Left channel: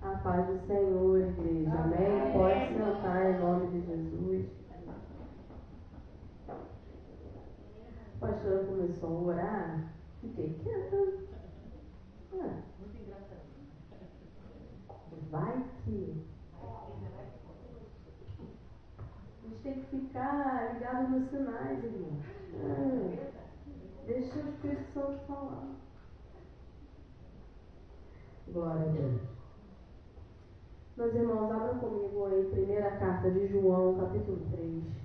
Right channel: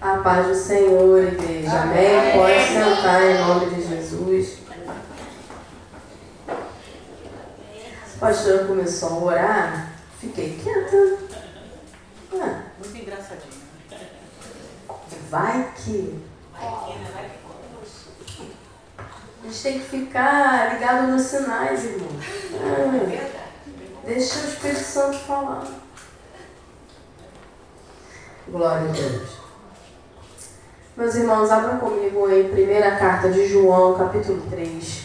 A paz do Senhor, igreja. Amém? Pode sentar em nome de Jesus. O pastor começou a orar, fiquei quieta. Muito engraçadinho. Vai que... A gente tem que ficar ligado nos sinais, irmão. Deixa o Espírito Santo falar. Glória a Deus. Meus irmãos, abram comigo em primeira carta de João, capítulo 3.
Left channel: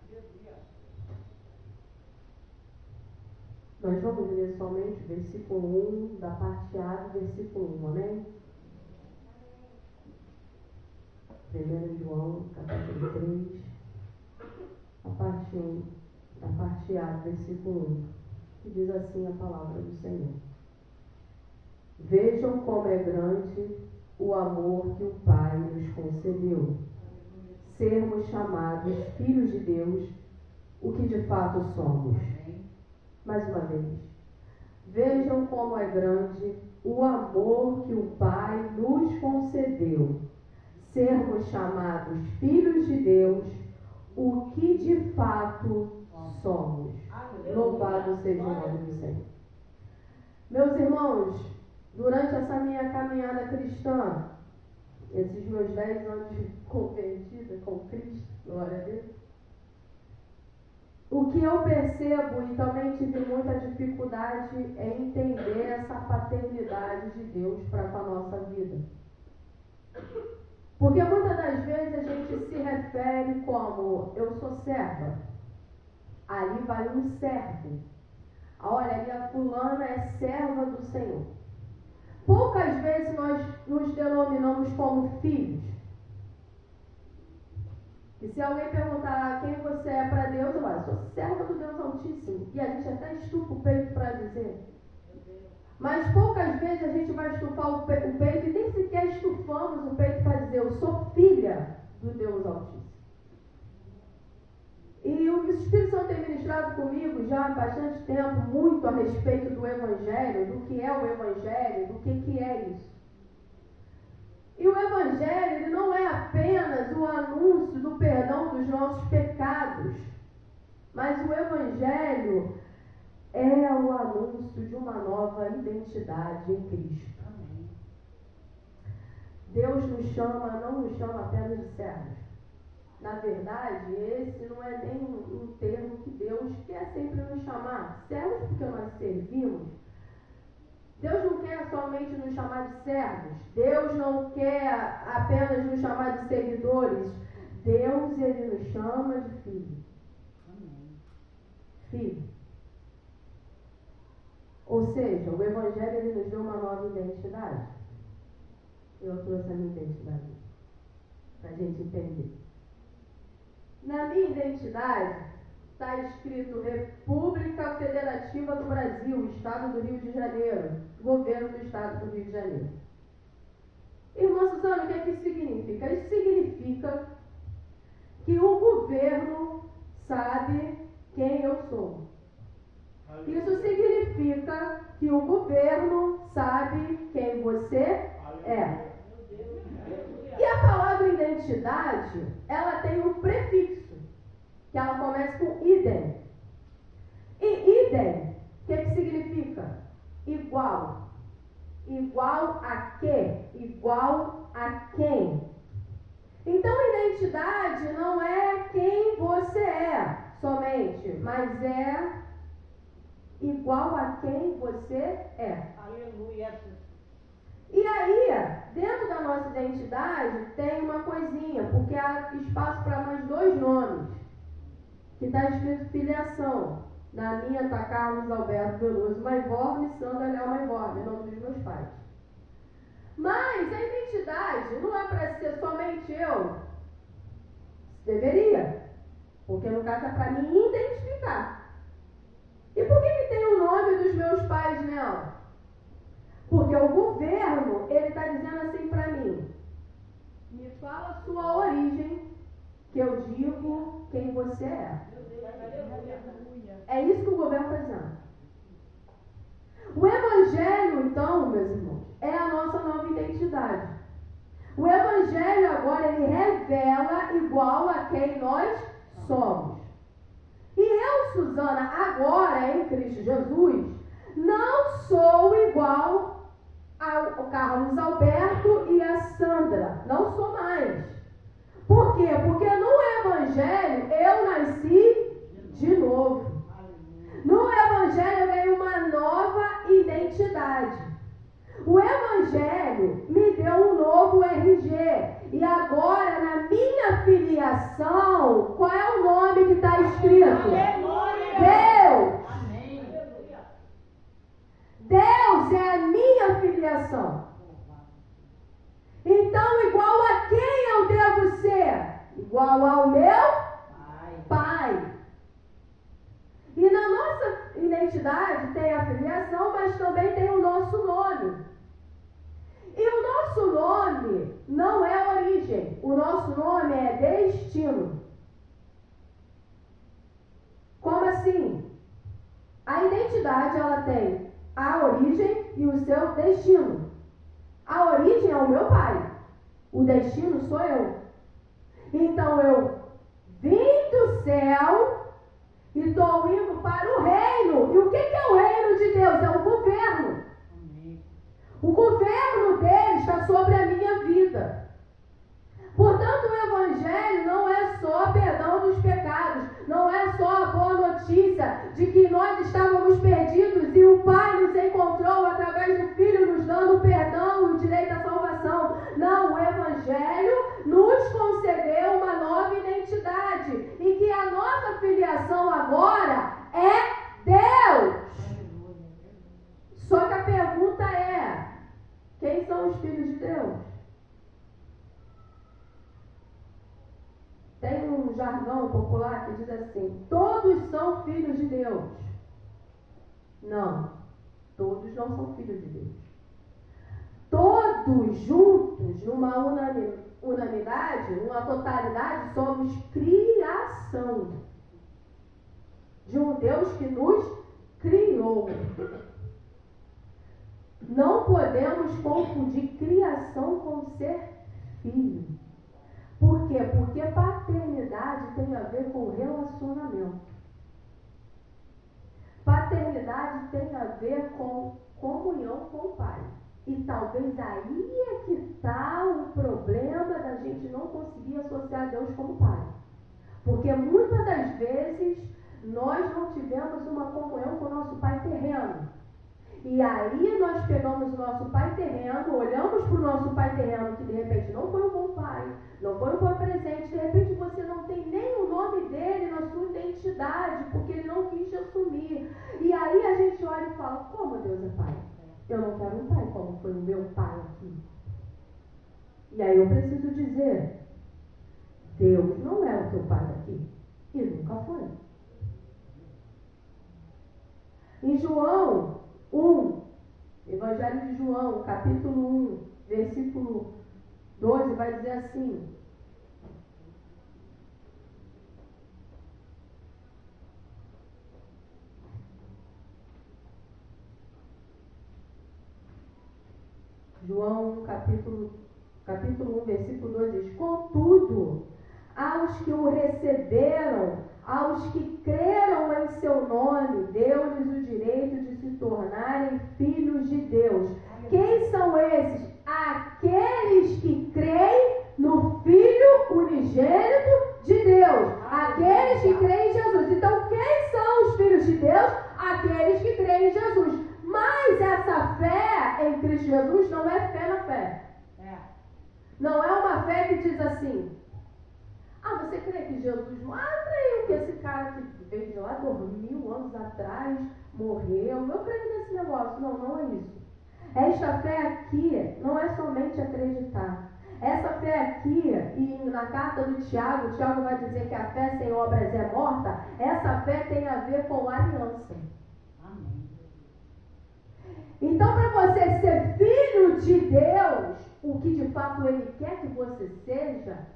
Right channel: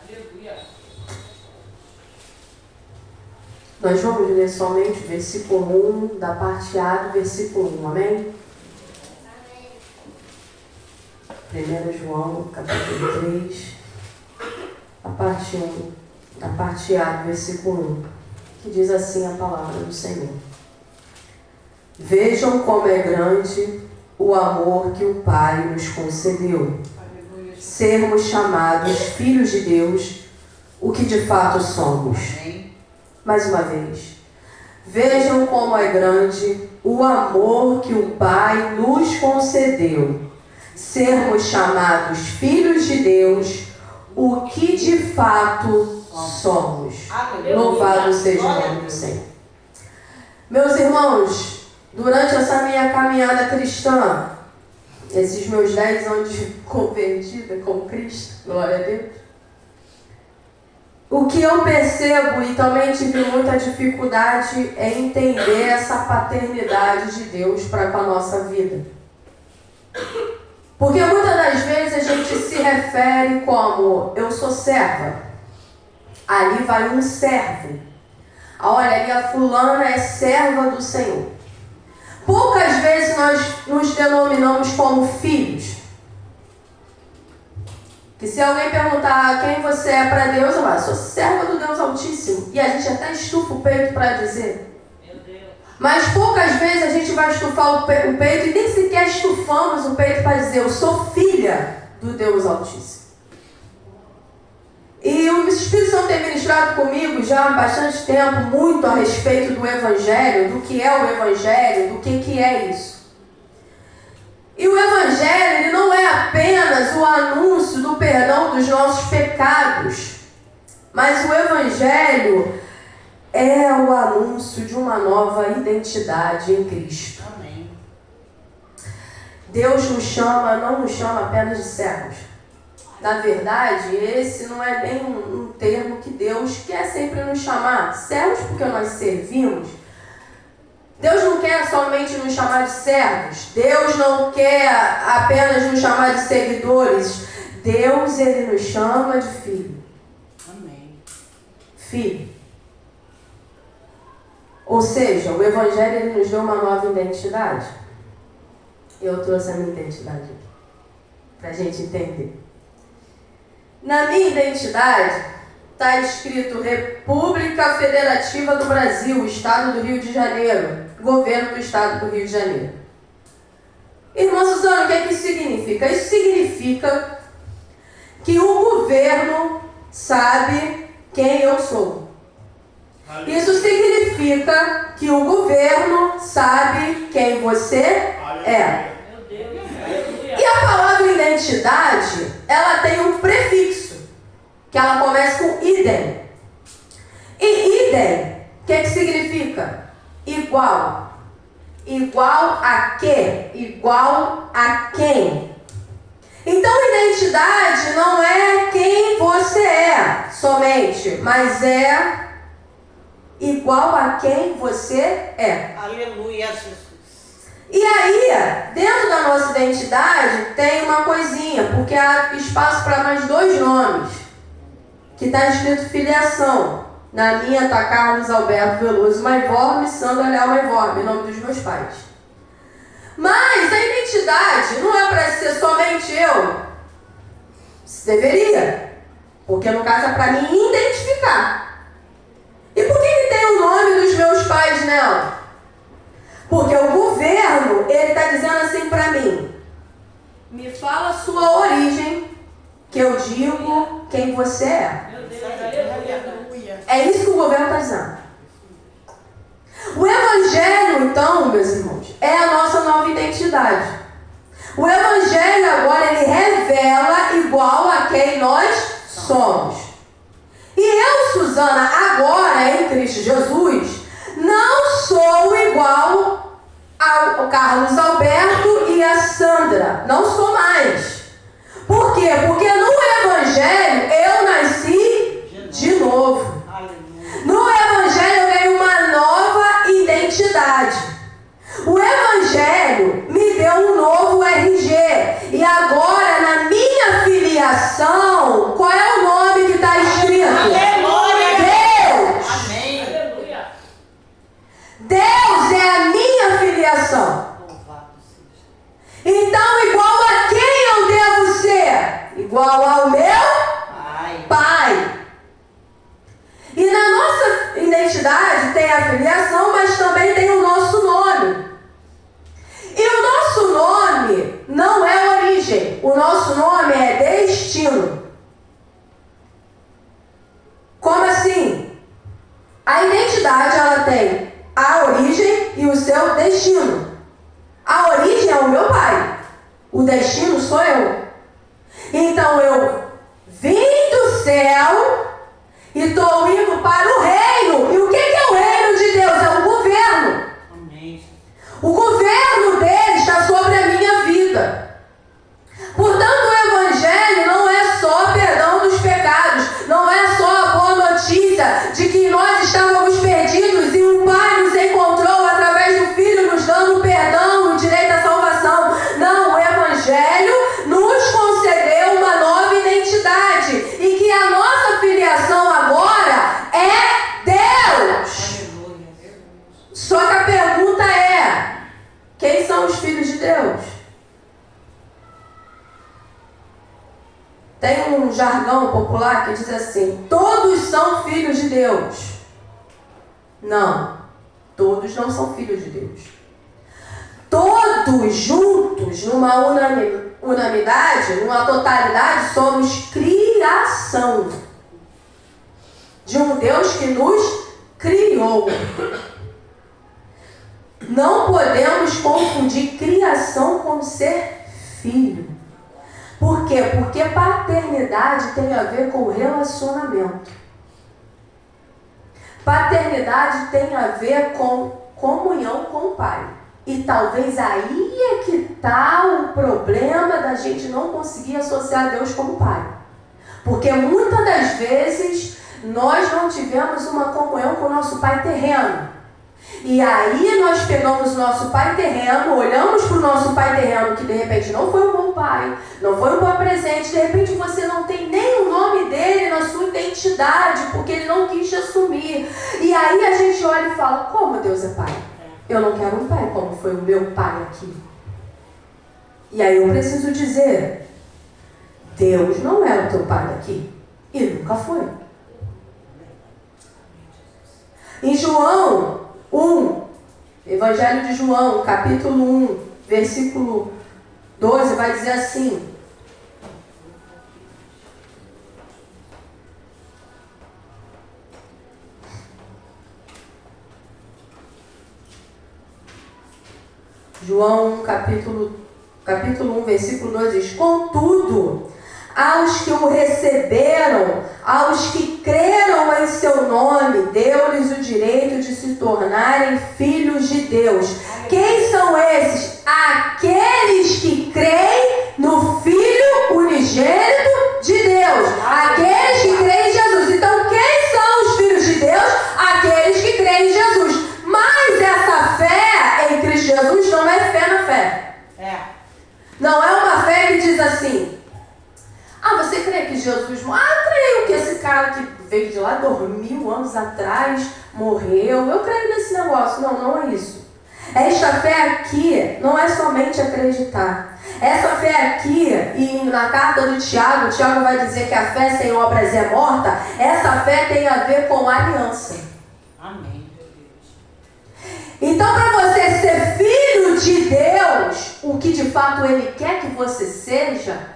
Aleluia. Nós vamos ler somente o versículo 1, da parte A do versículo 1, amém? 1 João, capítulo 3, a parte 1, a parte A do versículo 1, que diz assim a palavra do Senhor. Vejam como é grande o amor que o Pai nos concedeu, sermos chamados filhos de Deus, o que de fato somos. Mais uma vez. Vejam como é grande o amor que o Pai nos concedeu, sermos chamados filhos de Deus, o que de fato somos. Louvado seja o nome do Senhor. Meus irmãos, durante essa minha caminhada cristã, esses meus 10 anos de convertida com Cristo, glória a Deus, o que eu percebo e também tive muita dificuldade é entender essa paternidade de Deus para com a nossa vida. Porque muitas das vezes a gente se refere como eu sou serva. Ali vai um servo. Olha, ali a fulana é serva do Senhor. Poucas vezes nós nos denominamos como filhos. Que se alguém perguntar quem você é para Deus, eu falo, sou serva do Deus Altíssimo. E a gente até estufa o peito para dizer. Meu Deus. Mas poucas vezes a gente vai estufar o peito e nem sequer estufamos o peito para dizer, eu sou filha do Deus Altíssimo. E o Espírito Santo tem ministrado comigo já há bastante tempo muito a respeito do Evangelho, do que é o Evangelho, do que é isso. E o Evangelho ele não é apenas o anúncio do perdão dos nossos pecados, mas o Evangelho é o anúncio de uma nova identidade em Cristo. Amém. Deus não nos chama apenas de servos. Na verdade, esse não é nem um termo que Deus quer sempre nos chamar. Servos porque nós servimos. Deus não quer somente nos chamar de servos. Deus não quer apenas nos chamar de seguidores. Deus, ele nos chama de filho. Amém. Filho. Ou seja, o Evangelho ele nos deu uma nova identidade. Eu trouxe a minha identidade aqui, para a gente entender. Na minha identidade está escrito República Federativa do Brasil, Estado do Rio de Janeiro, Governo do Estado do Rio de Janeiro. Irmã Suzana, o que é que isso significa? Isso significa que o governo sabe quem eu sou. Isso significa que o governo sabe quem você é. Meu Deus. E a palavra identidade, ela tem um prefixo, que ela começa com idem. E idem, o que significa? Igual. Igual a quê? Igual a quem? Então, identidade não é quem você é somente, mas é igual a quem você é. Aleluia, Jesus. E aí, dentro da nossa identidade, tem uma coisinha, porque há espaço para mais 2 nomes, que está escrito filiação. Na minha está Carlos Alberto Veloso Maivorme, Sandra Leal Maivorme, em nome dos meus pais. Mas a identidade não é para ser somente eu. Deveria, porque no caso é para me identificar. E por que tem o nome dos meus pais nela? Porque o governo, ele está dizendo assim para mim, me fala a sua origem, que eu digo quem você é. Meu Deus, aleluia. É isso que o governo está dizendo. O Evangelho, então, meus irmãos, é a nossa nova identidade. O Evangelho agora, ele revela igual a quem nós somos. E eu, Suzana, agora em Cristo Jesus, não sou igual ao Carlos Alberto e a Sandra. Não sou mais. Por quê? Porque no Evangelho eu nasci de novo. No Evangelho eu ganhei uma nova identidade. O Evangelho me deu um novo RG. E agora, na minha filiação, qual é o nome que está escrito? Aleluia! Deus! Amém! Deus é a minha filiação. Então, igual a quem eu devo ser? Igual ao meu Pai. E na nossa identidade tem a filiação, mas também tem o nosso nome. E o nosso nome não é origem. O nosso nome é destino. Como assim? A identidade, ela tem a origem e o seu destino. A origem é o meu pai. O destino sou eu. Então eu vim do céu e estou indo para o reino. E o que é o reino de Deus? É o governo. Amém. O governo dele está sobre a minha vida. Portanto, o Evangelho não é só perdão dos pecados. Não é só a boa notícia de que nós estávamos perdidos e o Pai nos encontrou através do Filho, nos dando perdão, o direito à salvação. Não, o Evangelho nos concedeu uma nova identidade e que a nossa filiação agora é Deus. Só que a pergunta é: quem são os filhos de Deus? Tem um jargão popular que diz assim: todos são filhos de Deus. Não, todos não são filhos de Deus. Todos juntos, numa unanimidade, numa totalidade, somos criação de um Deus que nos criou. Não podemos confundir criação com ser filho. Por quê? Porque paternidade tem a ver com relacionamento. Paternidade tem a ver com comunhão com o Pai. E talvez aí é que está o problema da gente não conseguir associar Deus como Pai. Porque muitas das vezes nós não tivemos uma comunhão com o nosso Pai terreno. E aí nós pegamos o nosso pai terreno, olhamos para o nosso pai terreno, que de repente não foi um bom pai, não foi um bom presente, de repente você não tem nem o nome dele na sua identidade, porque ele não quis te assumir. E aí a gente olha e fala: como Deus é pai? Eu não quero um pai como foi o meu pai aqui. E aí eu preciso dizer: Deus não é o teu pai daqui. E nunca foi. Em João 1, Evangelho de João, capítulo 1, versículo 12, vai dizer assim: João, capítulo 1, versículo 2 diz: contudo, aos que o receberam, aos que creram em seu nome, deu-lhes o direito de se tornarem filhos de Deus. Quem são esses? Aqueles que creem no Filho unigênito de Deus. Aqueles que creem em Jesus. Então, quem são os filhos de Deus? Aqueles que creem em Jesus. Mas essa fé em Cristo Jesus não é fé na fé. Não é uma fé que diz assim: ah, você crê que Jesus morreu? Ah, creio que esse cara que veio de lá 2000 anos atrás morreu. Eu creio nesse negócio. Não, não é isso. Esta fé aqui não é somente acreditar. Essa fé aqui, e na carta do Tiago, o Tiago vai dizer que a fé sem obras é morta. Essa fé tem a ver com aliança. Amém. Então, para você ser filho de Deus, o que de fato Ele quer que você seja,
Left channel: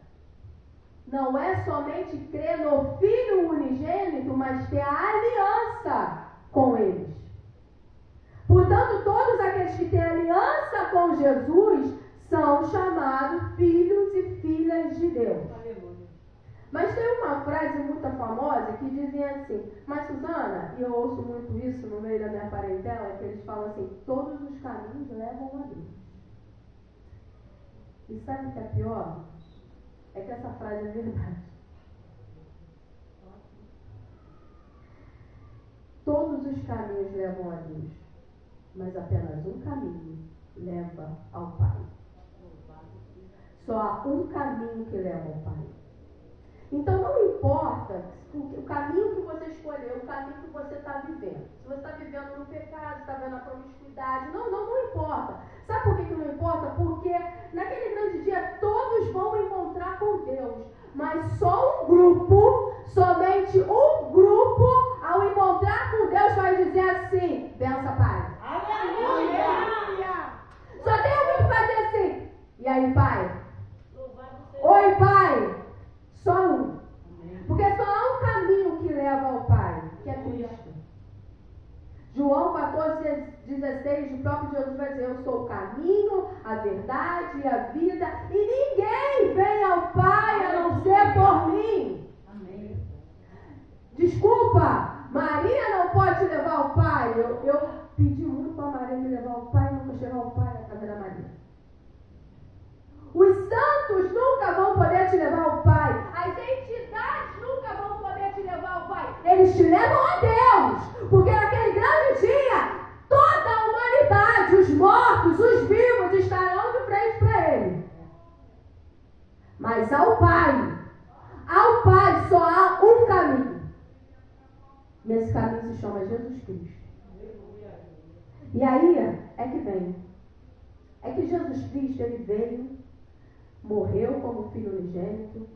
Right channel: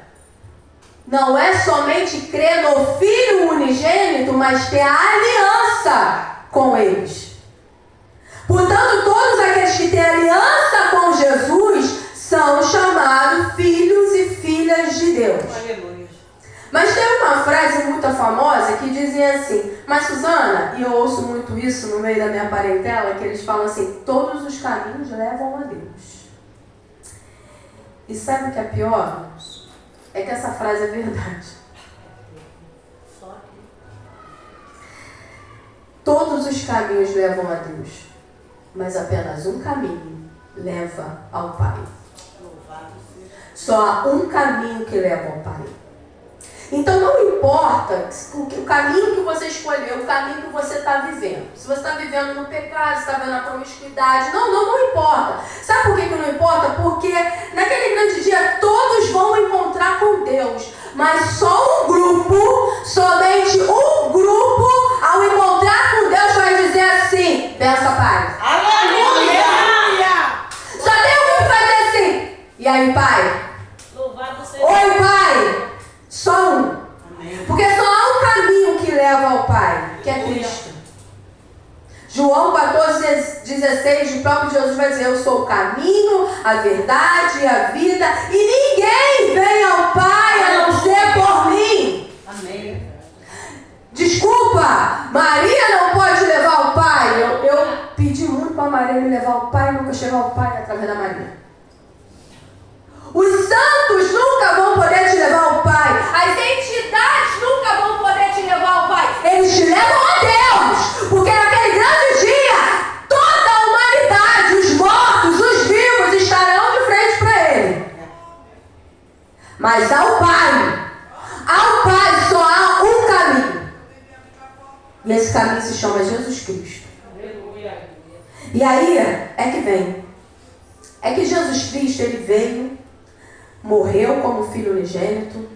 não é somente crer no Filho unigênito, mas ter a aliança com eles. Portanto, todos aqueles que têm aliança com Jesus são chamados filhos e filhas de Deus. Aleluia. Mas tem uma frase muito famosa que dizia assim, mas Suzana, e eu ouço muito isso no meio da minha parentela, que eles falam assim, todos os caminhos levam a Deus. E sabe o que é pior? É que essa frase é verdade. Todos os caminhos levam a Deus, mas apenas um caminho leva ao Pai. Só há um caminho que leva ao Pai. Então não importa o caminho que você escolheu, o caminho que você está vivendo. Se você está vivendo no pecado, se está vivendo na promiscuidade, não importa. Sabe por que não importa? Porque naquele grande dia todos vão encontrar com Deus. Mas só um grupo, somente um grupo, ao encontrar com Deus vai dizer assim, benção, Pai. Aleluia! Só tem um que vai dizer assim, e aí, Pai? Louvado seja. Oi, Pai. Só um. Porque só há um caminho que leva ao Pai, que é Cristo. João 14,16, o próprio Jesus vai dizer, eu sou o caminho, a verdade e a vida, e ninguém vem ao Pai a não ser por mim. Amém. Desculpa, Maria não pode levar ao Pai. Eu pedi muito para Maria me levar ao Pai, nunca chegou ao Pai através da Maria. Os santos nunca vão poder te levar ao Pai. As entidades nunca vão poder te levar ao Pai. Eles te levam a Deus. Porque naquele grande dia, toda a humanidade, os mortos, os vivos, estarão de frente para Ele. Mas ao Pai só há um caminho. E esse caminho se chama Jesus Cristo. E aí é que vem. É que Jesus Cristo, Ele veio, morreu como filho unigênito.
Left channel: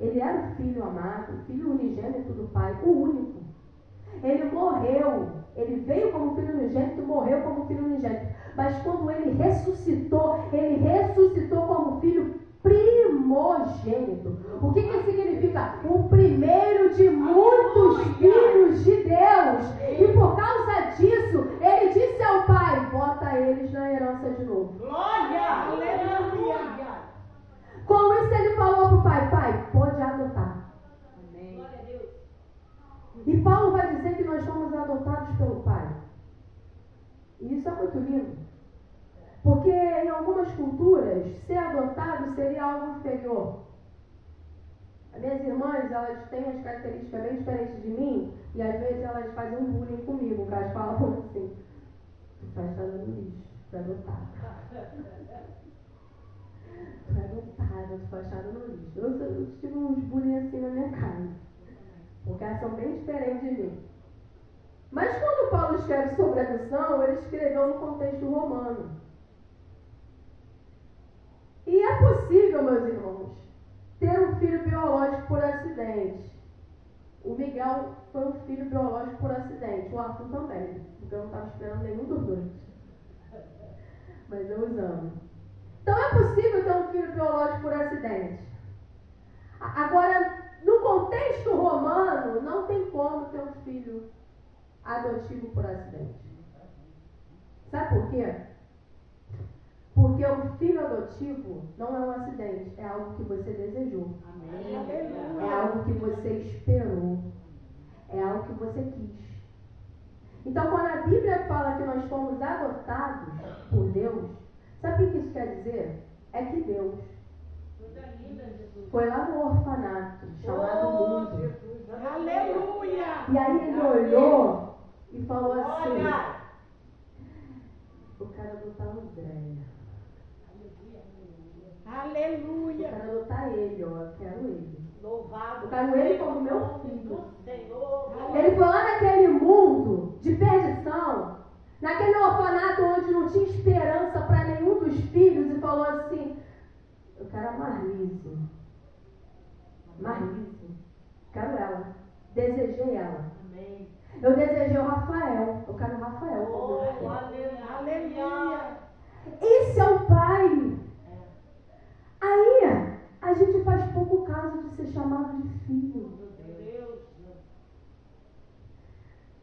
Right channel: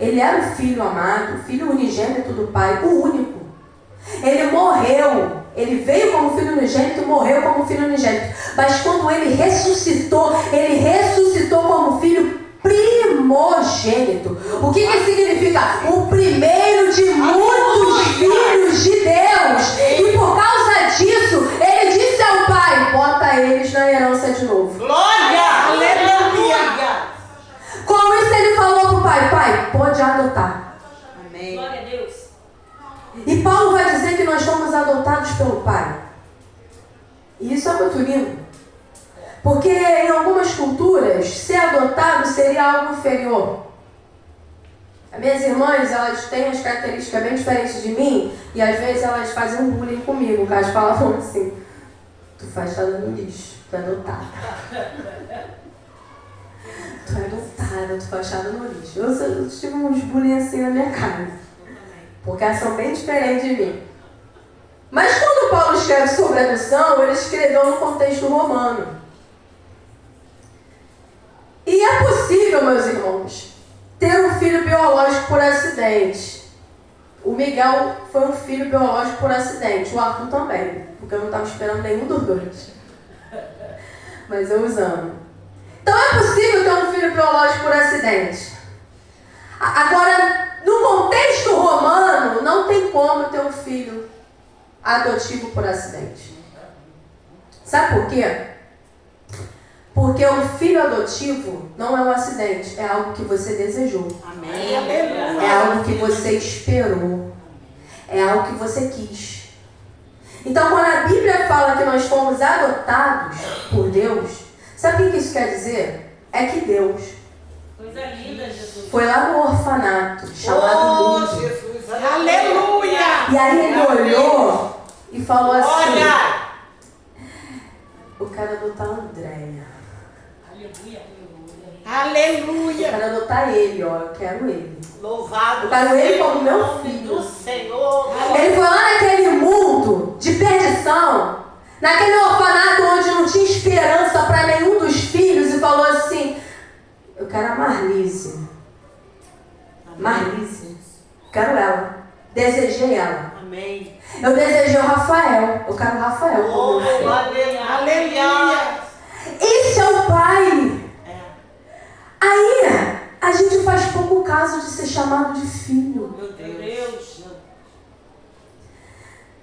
Ele era o filho amado, o filho unigênito do Pai, o único. Ele morreu, ele veio como filho unigênito, morreu como filho unigênito. Mas quando ele ressuscitou como filho primogênito. O que significa? O primeiro de muitos filhos de Deus. E por causa disso, ele disse ao Pai, bota eles na herança de novo. Glória! Aleluia! Com isso ele falou para o Pai, Pai, pode adotar. Amém. Glória a Deus. E Paulo vai dizer que nós fomos adotados pelo Pai. E isso é muito lindo. Porque em algumas culturas, ser adotado seria algo inferior. As minhas irmãs, elas têm as características bem diferentes de mim, e às vezes elas fazem um bullying comigo, que elas falavam assim, tu faz tá no lixo, tu é adotada. Tu é adotada, tu faz achado no lixo. Eu tive uns bullying assim na minha casa. Porque elas são bem diferentes de mim. Mas quando Paulo escreve sobre a adoção, ele escreveu no contexto romano. E é possível, meus irmãos, ter um filho biológico por acidente. O Miguel foi um filho biológico por acidente. O Arthur também. Porque eu não estava esperando nenhum dos dois. Mas eu os amo. Então é possível ter um filho biológico por acidente. Agora, no contexto romano, não tem como ter um filho adotivo por acidente. Sabe por quê? Porque o filho adotivo não é um acidente, é algo que você desejou. Amém. É algo que você esperou. É algo que você quis. Então, quando a Bíblia fala que nós fomos adotados por Deus, sabe o que isso quer dizer? É que Deus Coisa linda, Jesus. foi lá no orfanato, chamado mundo. Jesus. Aleluia! E aí ele olhou e falou assim, Olha! eu quero adotar a Andréia. Aleluia, aleluia. Eu Aleluia! quero adotar ele, ó, eu quero ele. Louvado Eu quero ele seja como o meu nome filho. do Senhor. Ele foi lá naquele mundo de perdição, naquele orfanato onde não tinha esperança para nenhum dos filhos, e falou assim, eu quero a Marlise. Marlise. Quero ela. Desejei ela. Amém. Eu desejei o Rafael. Eu quero o Rafael como meu filho. Aleluia! Esse é o Pai. É. Aí, a A gente faz pouco caso de ser chamado de filho. Meu Deus.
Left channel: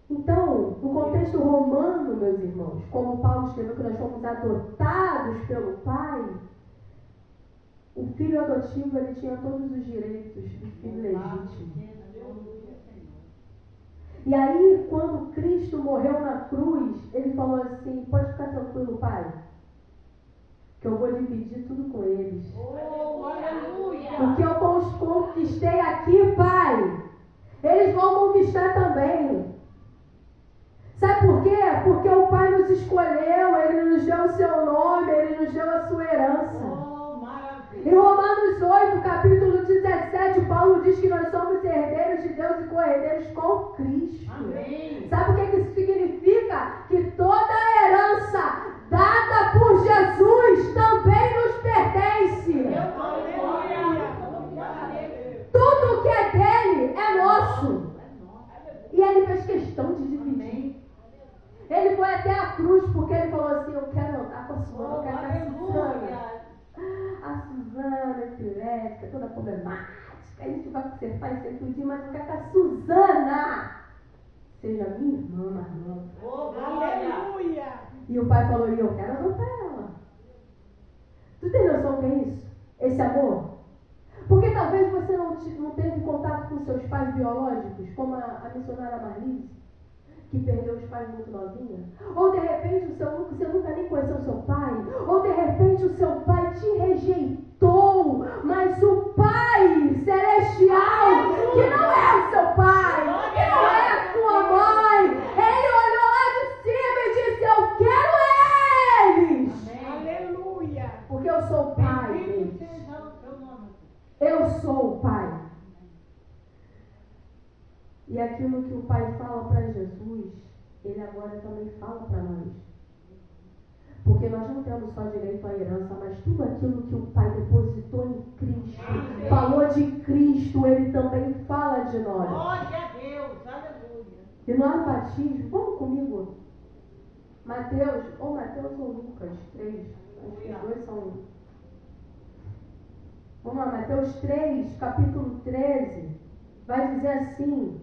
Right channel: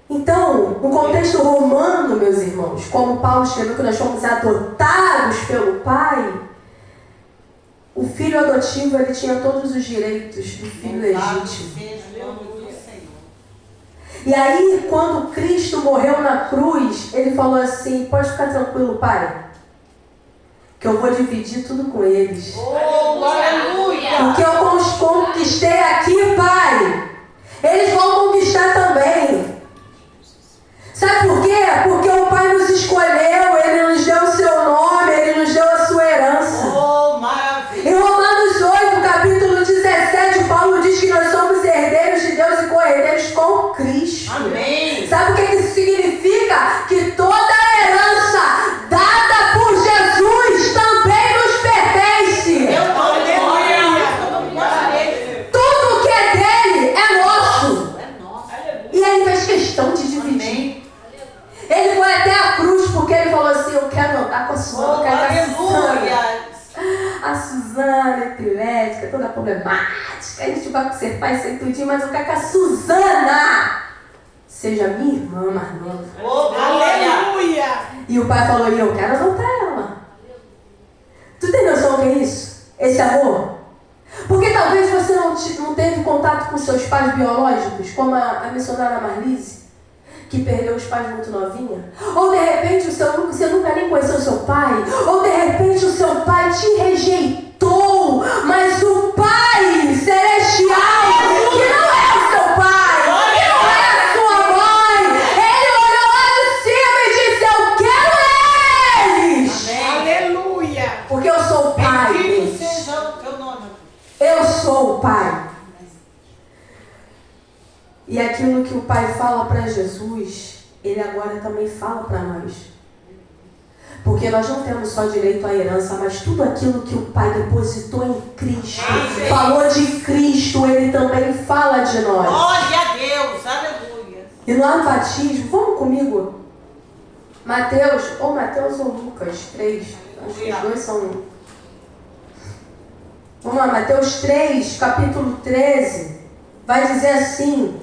Então, no contexto romano, meus irmãos, como Paulo escreveu que nós fomos adotados pelo Pai, o filho adotivo ele tinha todos os direitos do filho legítimo. E aí, quando Cristo morreu na cruz, ele falou assim: pode ficar tranquilo, Pai, que eu vou dividir tudo com eles. O que eu conquistei aqui, Pai, eles vão conquistar também. Sabe por quê? Porque o Pai nos escolheu, Ele nos deu o seu nome, Ele nos deu a sua herança. Em Romanos 8, capítulo 17, Paulo diz que nós somos herdeiros de Deus e co-herdeiros com Cristo. Amém. Sabe o que isso significa? Que toda a herança dada por Jesus também nos pertence. Tudo que é dele é nosso. E Ele fez questão de dividir. Ele foi até a cruz porque ele falou assim: eu quero andar com a Suzana, eu quero a Suzana epilética, toda problemática, a gente vai ser pai sem tudinho, mas eu quero que a Suzana seja minha irmã mais nova. Aleluia! E o pai falou: e eu quero adotar ela. Tu tem noção do que é isso? Esse amor? Porque talvez você não teve contato com seus pais biológicos, como a missionária Marlise, que perdeu os pais muito novinha. Ou de repente você nunca nem conheceu o seu pai. Ou de repente o seu pai te rejeitou. Mas o Pai Celestial, que não é o seu pai, que não é a sua mãe, Ele olhou lá de cima e disse: eu quero eles. Amém. Aleluia! Porque eu sou o pai Bendito deles. seja o teu nome. Eu sou o pai. E aquilo que o Pai fala para Jesus, Ele agora também fala para nós. Porque nós não temos só direito à herança, mas tudo aquilo que o Pai depositou em Cristo, falou de Cristo, Ele também fala de nós. Glória a Deus, aleluia. E lá no batismo, vamos comigo? Mateus ou Lucas 3, acho que os dois são... Vamos lá, Mateus 3, capítulo 13, vai dizer assim:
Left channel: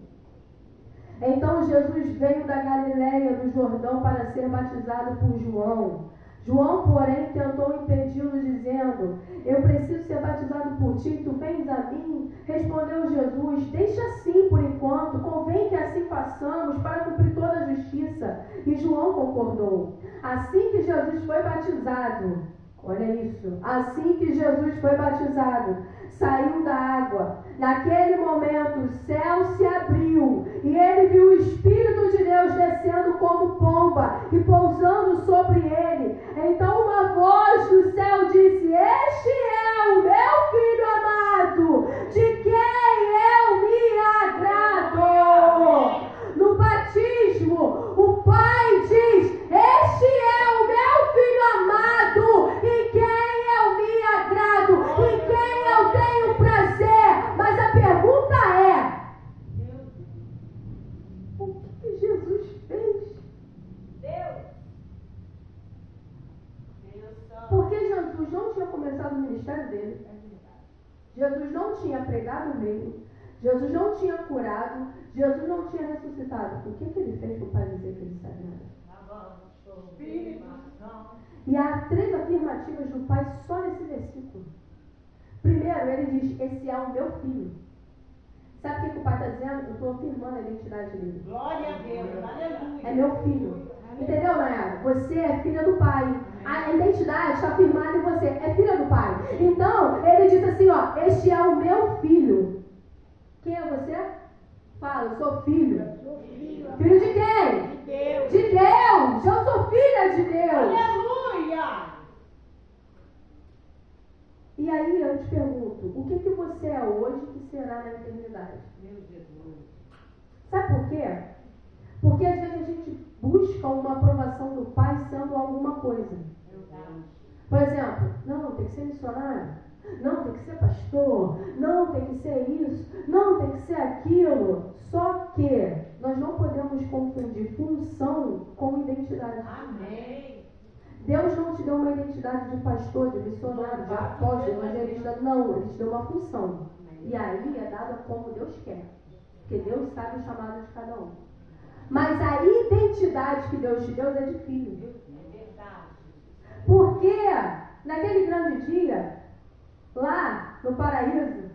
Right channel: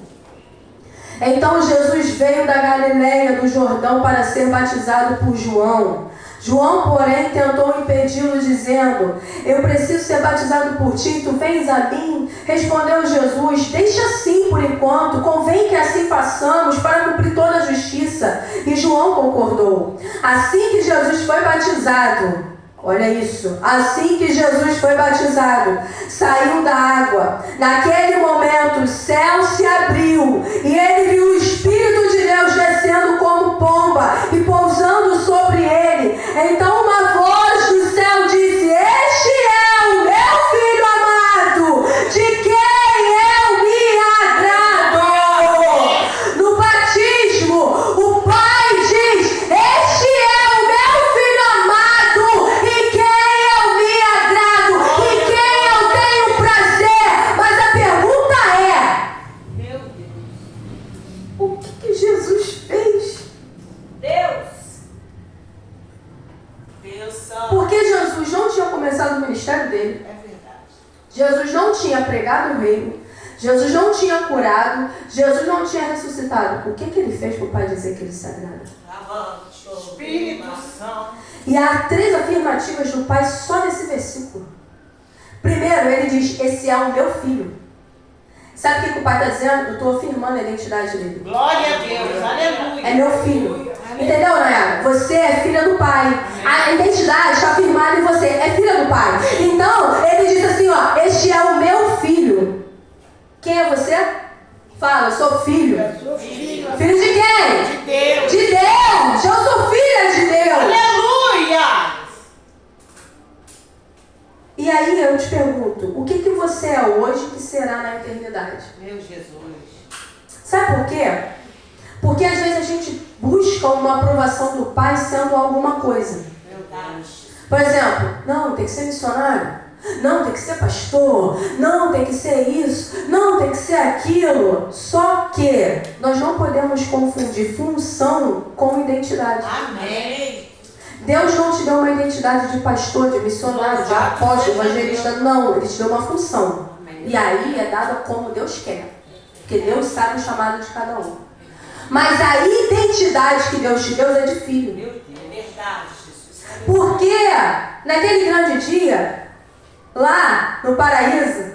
então Jesus veio da Galileia, do Jordão, para ser batizado por João. João, porém, tentou impedi-lo, dizendo: eu preciso ser batizado por ti, tu vens a mim? Respondeu Jesus: deixa assim por enquanto, convém que assim façamos para cumprir toda a justiça. E João concordou. Assim que Jesus foi batizado, olha isso, assim que Jesus foi batizado, saiu da água. Naquele momento o céu se abriu e ele viu o Espírito de Deus descendo como pomba e pousando sobre ele. Então uma voz do céu disse: este é o meu Filho amado, de quem eu me agrado. No batismo, o Pai diz: este é o meu Filho amado, em quem eu me agrado, em quem eu tenho prazer. Mas a pergunta é: Meu Deus. o que Jesus fez? Deus santo. Porque Jesus não tinha começado o ministério dele. É verdade. Jesus não tinha pregado o reino. Jesus não tinha curado. Jesus não tinha ressuscitado. O que ele fez para o Pai dizer que ele se agrada? Espírito Santo. E há 3 afirmativas do Pai só nesse versículo. Primeiro, ele diz: esse é o meu filho. Sabe o que o Pai está dizendo? Eu estou afirmando a identidade dele. Glória a Deus, aleluia. É meu filho. Entendeu, Nayara? Você é filha do Pai. A identidade está afirmada em você. É filha do Pai. Então, ele diz assim, ó: este é o meu filho. Quem é você? Fala: eu sou filho. Filho de quem? De Deus. De Deus. Eu sou filha de Deus. Aleluia. E aí eu te pergunto: o que você é hoje que será na eternidade? Meu Jesus. Sabe por quê? Porque às vezes a gente busca uma aprovação do Pai sendo alguma coisa. Meu Deus. Por exemplo, não, tem que ser missionário. Não, tem que ser pastor. Não, tem que ser isso. Não, tem que ser aquilo. Só que nós não podemos confundir função com identidade. Amém. Deus não te deu uma identidade de pastor, de missionário, de apóstolo, evangelista. Não, Ele te deu uma função. E aí é dada como Deus quer. Porque Deus sabe o chamado de cada um. Mas a identidade que Deus te deu é de filho. Porque naquele grande dia, lá no paraíso,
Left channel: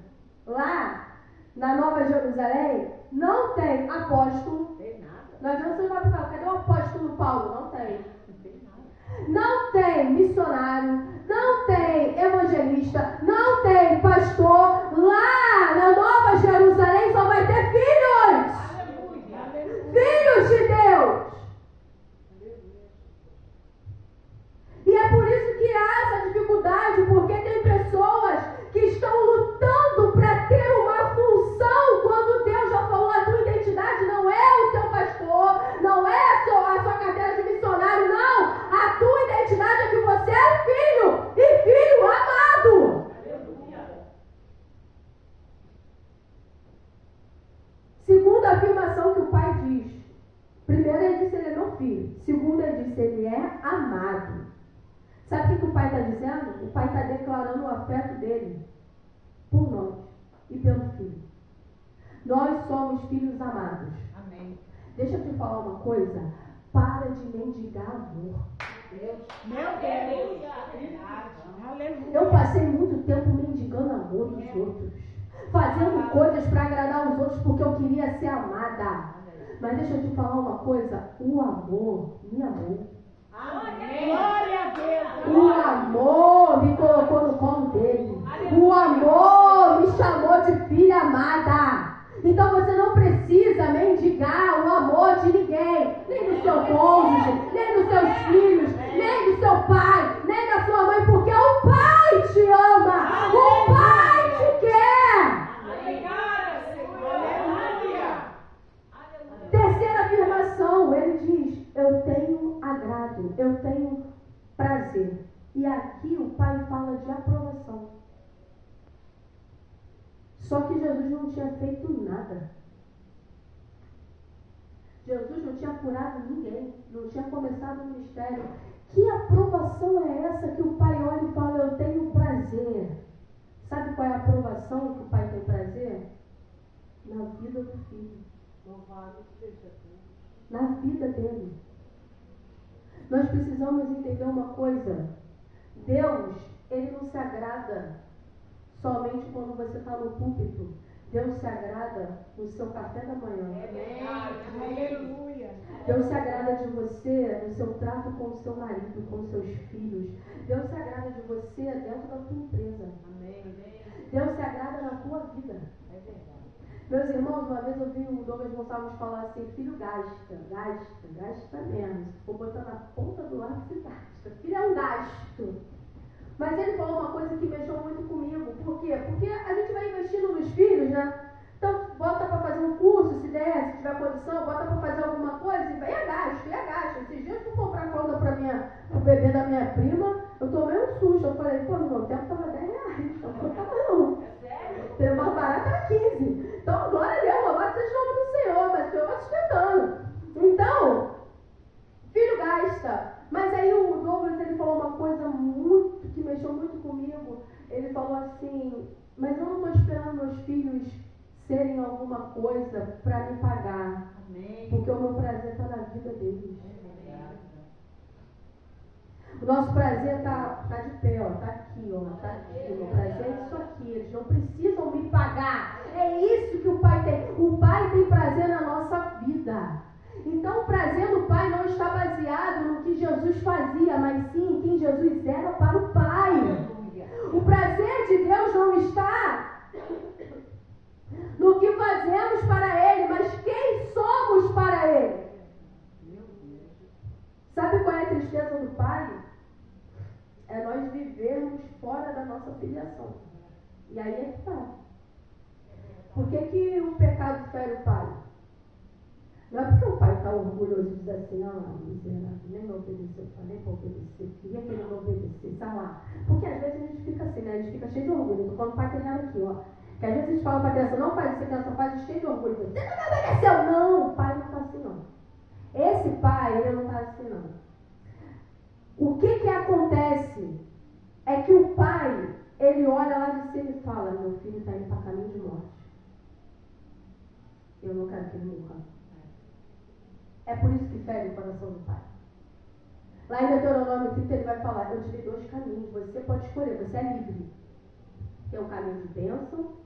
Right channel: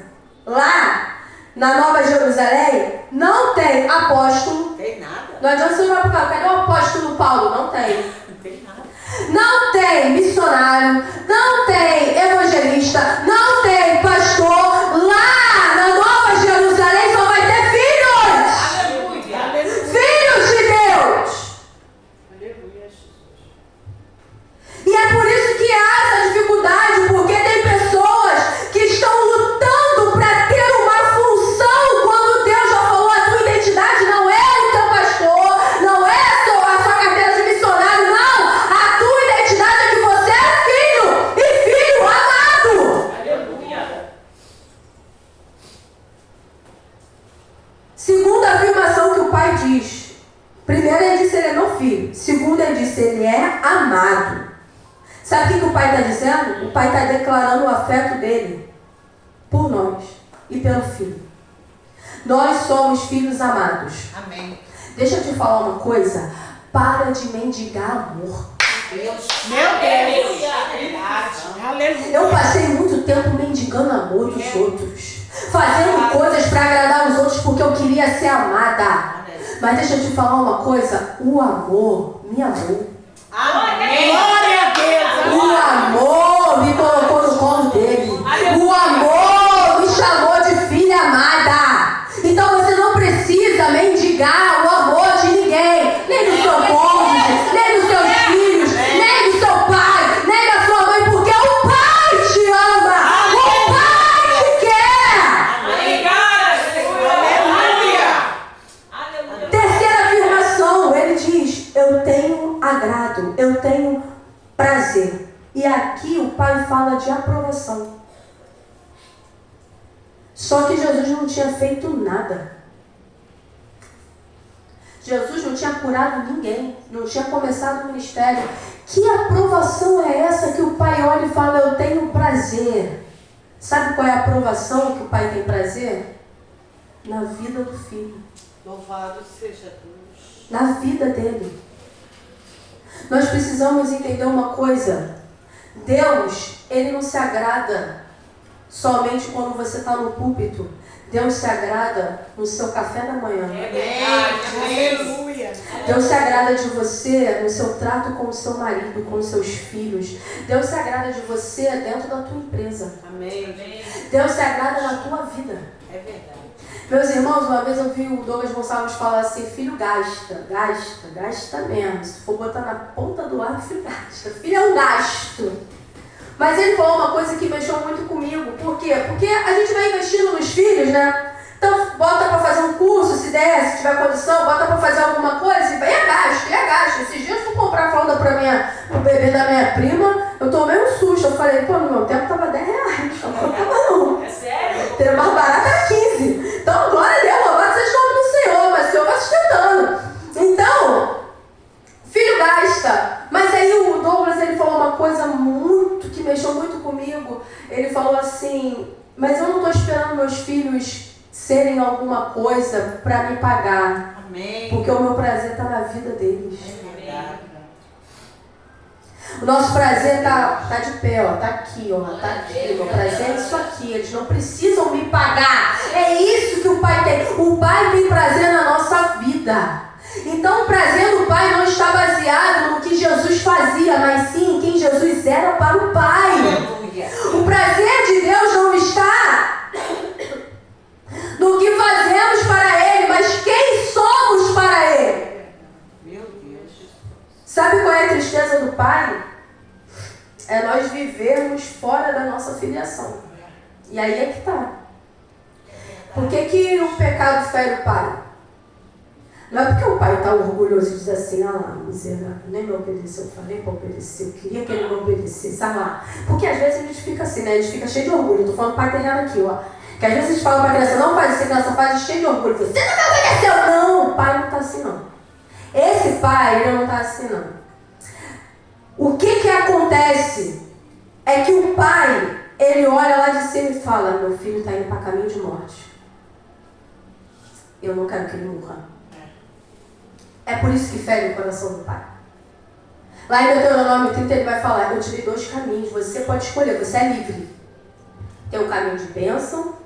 lá na Nova Jerusalém, não tem apóstolo. Tem nada. Não adianta você olhar para o carro, cadê o apóstolo Paulo? Não tem. Não tem nada. Não tem missionário, não tem evangelista, não tem pastor. Lá na Nova Jerusalém só vai ter filhos. Aleluia. Aleluia. Filhos de Deus. Aleluia, Jesus. E é por isso que há essa dificuldade, porque tem pessoas que estão lutando para ter uma função, quando Deus já falou: a tua identidade não é o teu pastor, não é a sua carteira de missionário, não. A tua identidade é que você é filho, e filho amado. Aleluia. Segunda afirmação que o pai diz. Primeiro, ele disse: ele é meu filho. Segundo, ele disse: ele é amado. Sabe o que o pai está dizendo? O pai está declarando o afeto dele por nós e pelo filho. Nós somos filhos amados. Amém. Deixa eu te falar uma coisa. Para de mendigar amor. Deus. Meu Deus. Aleluia. Eu passei muito tempo mendigando amor dos outros, fazendo coisas para agradar os outros porque eu queria ser amada. Mas deixa eu te falar uma coisa. O amor me amou. Amém. Glória a Deus. O amor me colocou no colo dele. O amor me chamou de filha amada. Então você não precisa mendigar o amor de ninguém. Nem do seu cônjuge, nem dos seus filhos, nem do seu pai, nem da sua mãe. Porque o pai te ama. O pai te quer. Aleluia. Terceira afirmação, ele diz: eu tenho agrado, eu tenho prazer. E aqui o pai fala de aprovação. Só que Jesus não tinha feito nada. Jesus não tinha curado ninguém, não tinha começado o ministério. Que aprovação é essa que o pai olha e fala: eu tenho prazer? Sabe qual é a aprovação que o pai tem prazer? Na vida do filho. Louvado seja Deus. Na vida dele. Nós precisamos entender uma coisa. Deus, ele não se agrada somente quando você está no púlpito. Deus se agrada no seu café da manhã. Aleluia. Deus se agrada de você no seu trato com o seu marido, com os seus filhos. Deus se agrada de você dentro da tua empresa. Amém. Deus se agrada na tua vida. É verdade. Meus irmãos, uma vez eu vi o Douglas Gonçalves falar assim: filho gasta mesmo. Se for botar na ponta do ar, filho gasta. Filho é um gasto. Mas ele falou uma coisa que mexeu muito comigo. Por quê? Porque a gente vai investindo nos filhos, né? Então, bota para fazer um curso, se der, se tiver condição, bota para fazer alguma coisa, e é gasto. Esses dias eu fui comprar fralda pro bebê da minha prima, eu tomei um susto. Eu falei: pô, no meu tempo tava R$10. Não tava não. É sério? Ter mais barato era 15. Então, glória a Deus, louvado seja o nome do Senhor, mas o Senhor vai sustentando. Então, filho gasta. Mas aí o Douglas, ele falou uma coisa que mexeu muito comigo. Ele falou assim: mas eu não estou esperando meus filhos serem alguma coisa para me pagar. Amém. Porque o meu prazer está na vida deles. É verdade. O nosso prazer está de pé, ó, tá aqui, ó, tá aqui. Meu prazer é isso aqui. Eles não precisam me pagar. É isso que o pai tem. O pai tem prazer na nossa vida. Então o prazer do pai não está baseado no que Jesus fazia, mas sim em quem Jesus era para o pai. Aleluia. O prazer de Deus não está no que fazemos para Ele, mas quem somos para Ele. Meu Deus. Sabe qual é a tristeza do pai? É nós vivermos fora da nossa filiação. E aí é que está. Por que o pecado fere o pai? Não é porque o pai está orgulhoso e diz assim: ah lá, miserável, nem me obedeceu, eu falei para obedecer, eu queria que ele me obedecesse, ah lá. Porque às vezes a gente fica assim, né? A gente fica cheio de orgulho. Eu estou falando pai terreno aqui, ó. Que às vezes a gente fala para a criança: não faz isso, a criança faz cheio de orgulho. Você não me obedeceu! Não, o pai não está assim não. Esse pai, ele não está assim não. O que acontece é que o pai, ele olha lá de cima e fala: meu filho está indo para caminho de morte. Eu não quero que ele morra. É por isso que fere o coração do pai. Lá em Deuteronômio 30 ele vai falar: eu te dei 2 caminhos, você pode escolher, você é livre. Tem o caminho de bênção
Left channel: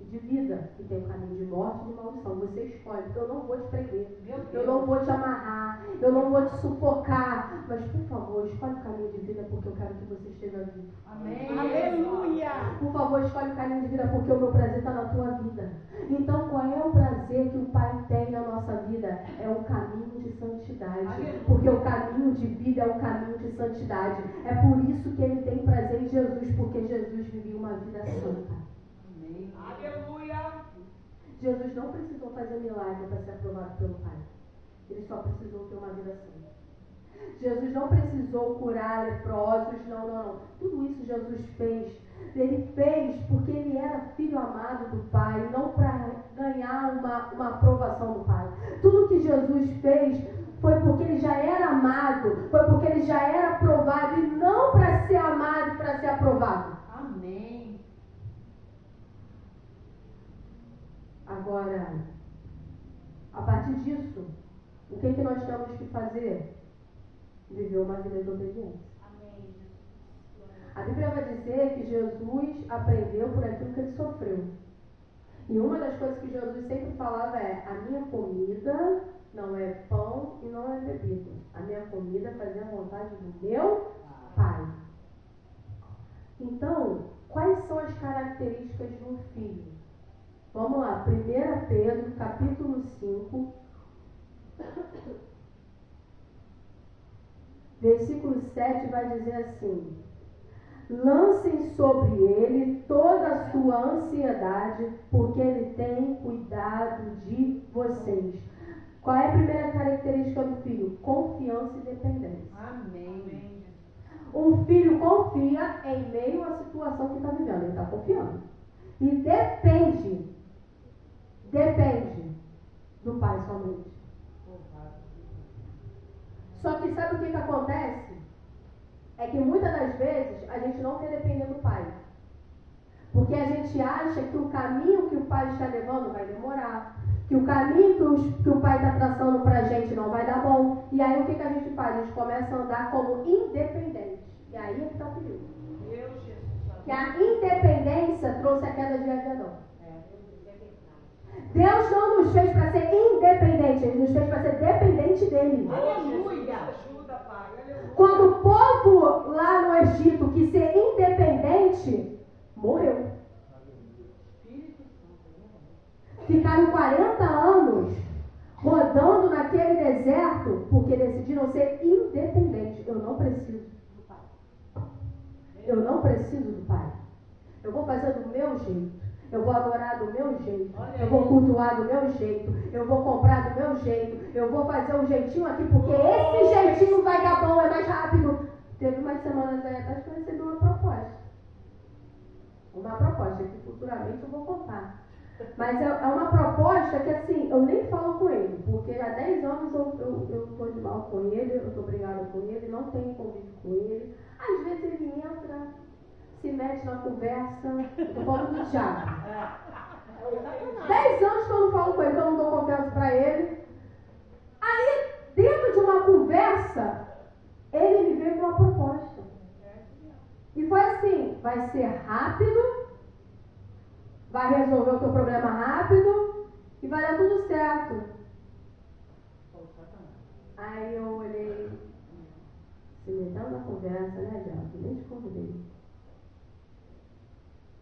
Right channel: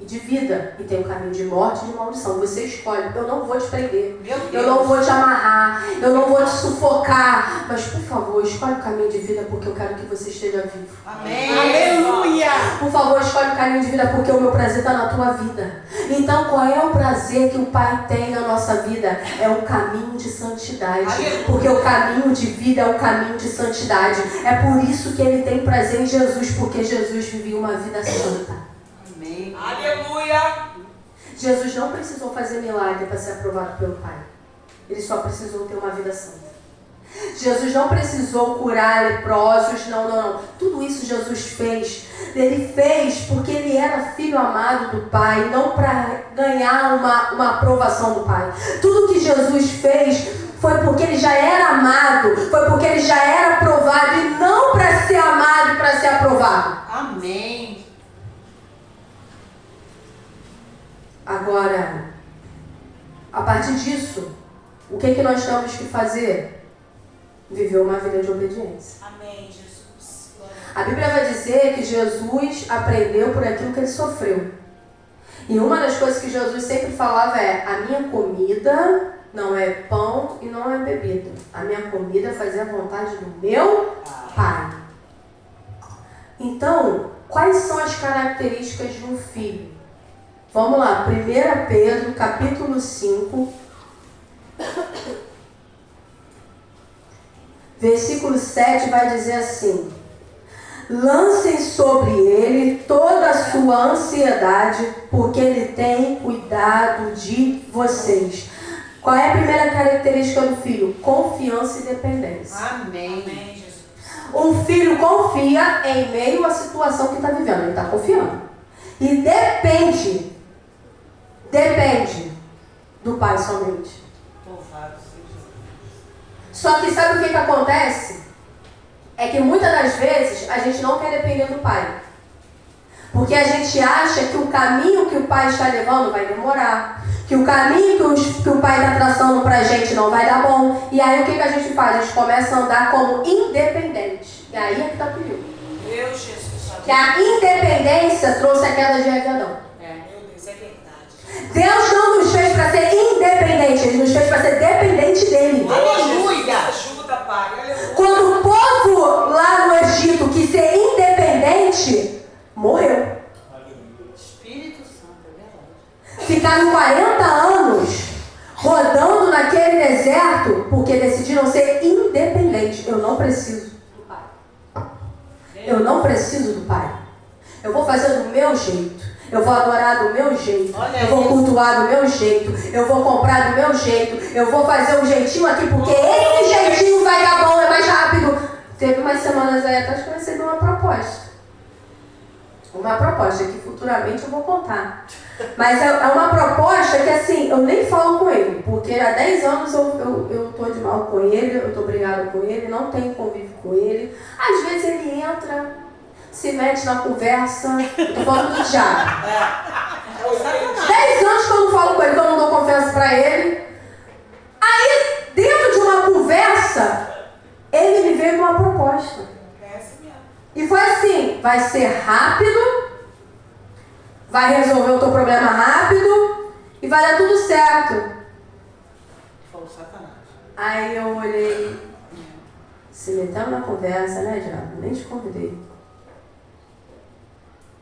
e de vida, e tem o caminho de morte e de maldição. Você escolhe. Eu não vou te prender, eu não vou te amarrar, eu não vou te sufocar, mas por favor, escolhe o caminho de vida, porque eu quero que você esteja vivo. Amém. Aleluia. Por favor, escolhe o caminho de vida, porque o meu prazer está na tua vida. Então, qual é o prazer que o Pai tem na nossa vida? É o caminho de santidade. Porque o caminho de vida é o caminho de santidade. É por isso que ele tem prazer em Jesus, porque Jesus vivia uma vida santa. Amém. Aleluia. Jesus não precisou fazer milagre para ser aprovado pelo Pai. Ele só precisou ter uma vida santa. Jesus não precisou curar leprosos, não. Tudo isso Jesus fez. Ele fez porque ele era filho amado do Pai, não para ganhar uma aprovação do Pai. Tudo que Jesus fez foi porque ele já era amado, foi porque ele já era aprovado, e não para ser amado e para ser aprovado. Amém. Agora, a partir disso, o que nós temos que fazer? Viver uma vida de obediência. Amém, Jesus. A Bíblia vai dizer que Jesus aprendeu por aquilo que ele sofreu. E uma das coisas que Jesus sempre falava é: a minha comida não é pão e não é bebida. A minha comida é fazer a vontade do meu Pai. Então, quais são as características de um filho? Vamos lá, 1 Pedro, capítulo 5, versículo 7 vai dizer assim: lancem sobre ele toda a sua ansiedade, porque ele tem cuidado de vocês. Qual é a primeira característica do filho? Confiança e dependência. Amém. Amém, Jesus. Um filho confia em meio à situação que está vivendo, ele está confiando. E depende do pai somente. Louvado seja Deus. Só que sabe o que acontece? É que muitas das vezes a gente não quer depender do pai. Porque a gente acha que o caminho que o pai está levando vai demorar. Que o caminho que o pai está traçando para a gente não vai dar bom. E aí o que a gente faz? A gente começa a andar como independente. E aí é que está o perigo. Meu Jesus. Que a independência trouxe a queda de Adão. Meu Deus, é verdade. Deus não nos fez para ser independente, Ele nos fez para ser dependente dEle. Aleluia. Ajuda, Pai. Aleluia. Quando o povo lá no Egito quis ser independente, morreu. Espírito Santo, é verdade. Ficaram 40 anos rodando naquele deserto porque decidiram ser independentes. Eu não preciso do Pai. Eu não preciso do Pai. Eu vou fazer do meu jeito. Eu vou adorar do meu jeito. Eu vou cultuar do meu jeito. Eu vou comprar do meu jeito. Eu vou fazer um jeitinho aqui porque esse jeitinho vai dar bom, é mais rápido. Teve umas semanas aí atrás que eu recebi uma proposta. Uma proposta que futuramente eu vou contar. Mas é uma proposta que assim, eu nem falo com ele. Porque há 10 anos eu tô de mal com ele, eu tô brigada com ele, não tenho convívio com ele. Às vezes ele entra, se mete na conversa. Eu tô falando do diabo. 10 anos que eu não falo com ele, que eu não dou confiança pra ele. Aí, dentro de uma conversa, ele me veio com uma proposta. E foi assim: vai ser rápido, vai resolver o teu problema rápido e vai dar tudo certo. Falou Satanás. Aí eu olhei, se metendo na conversa, né, diabo? Nem te convidei.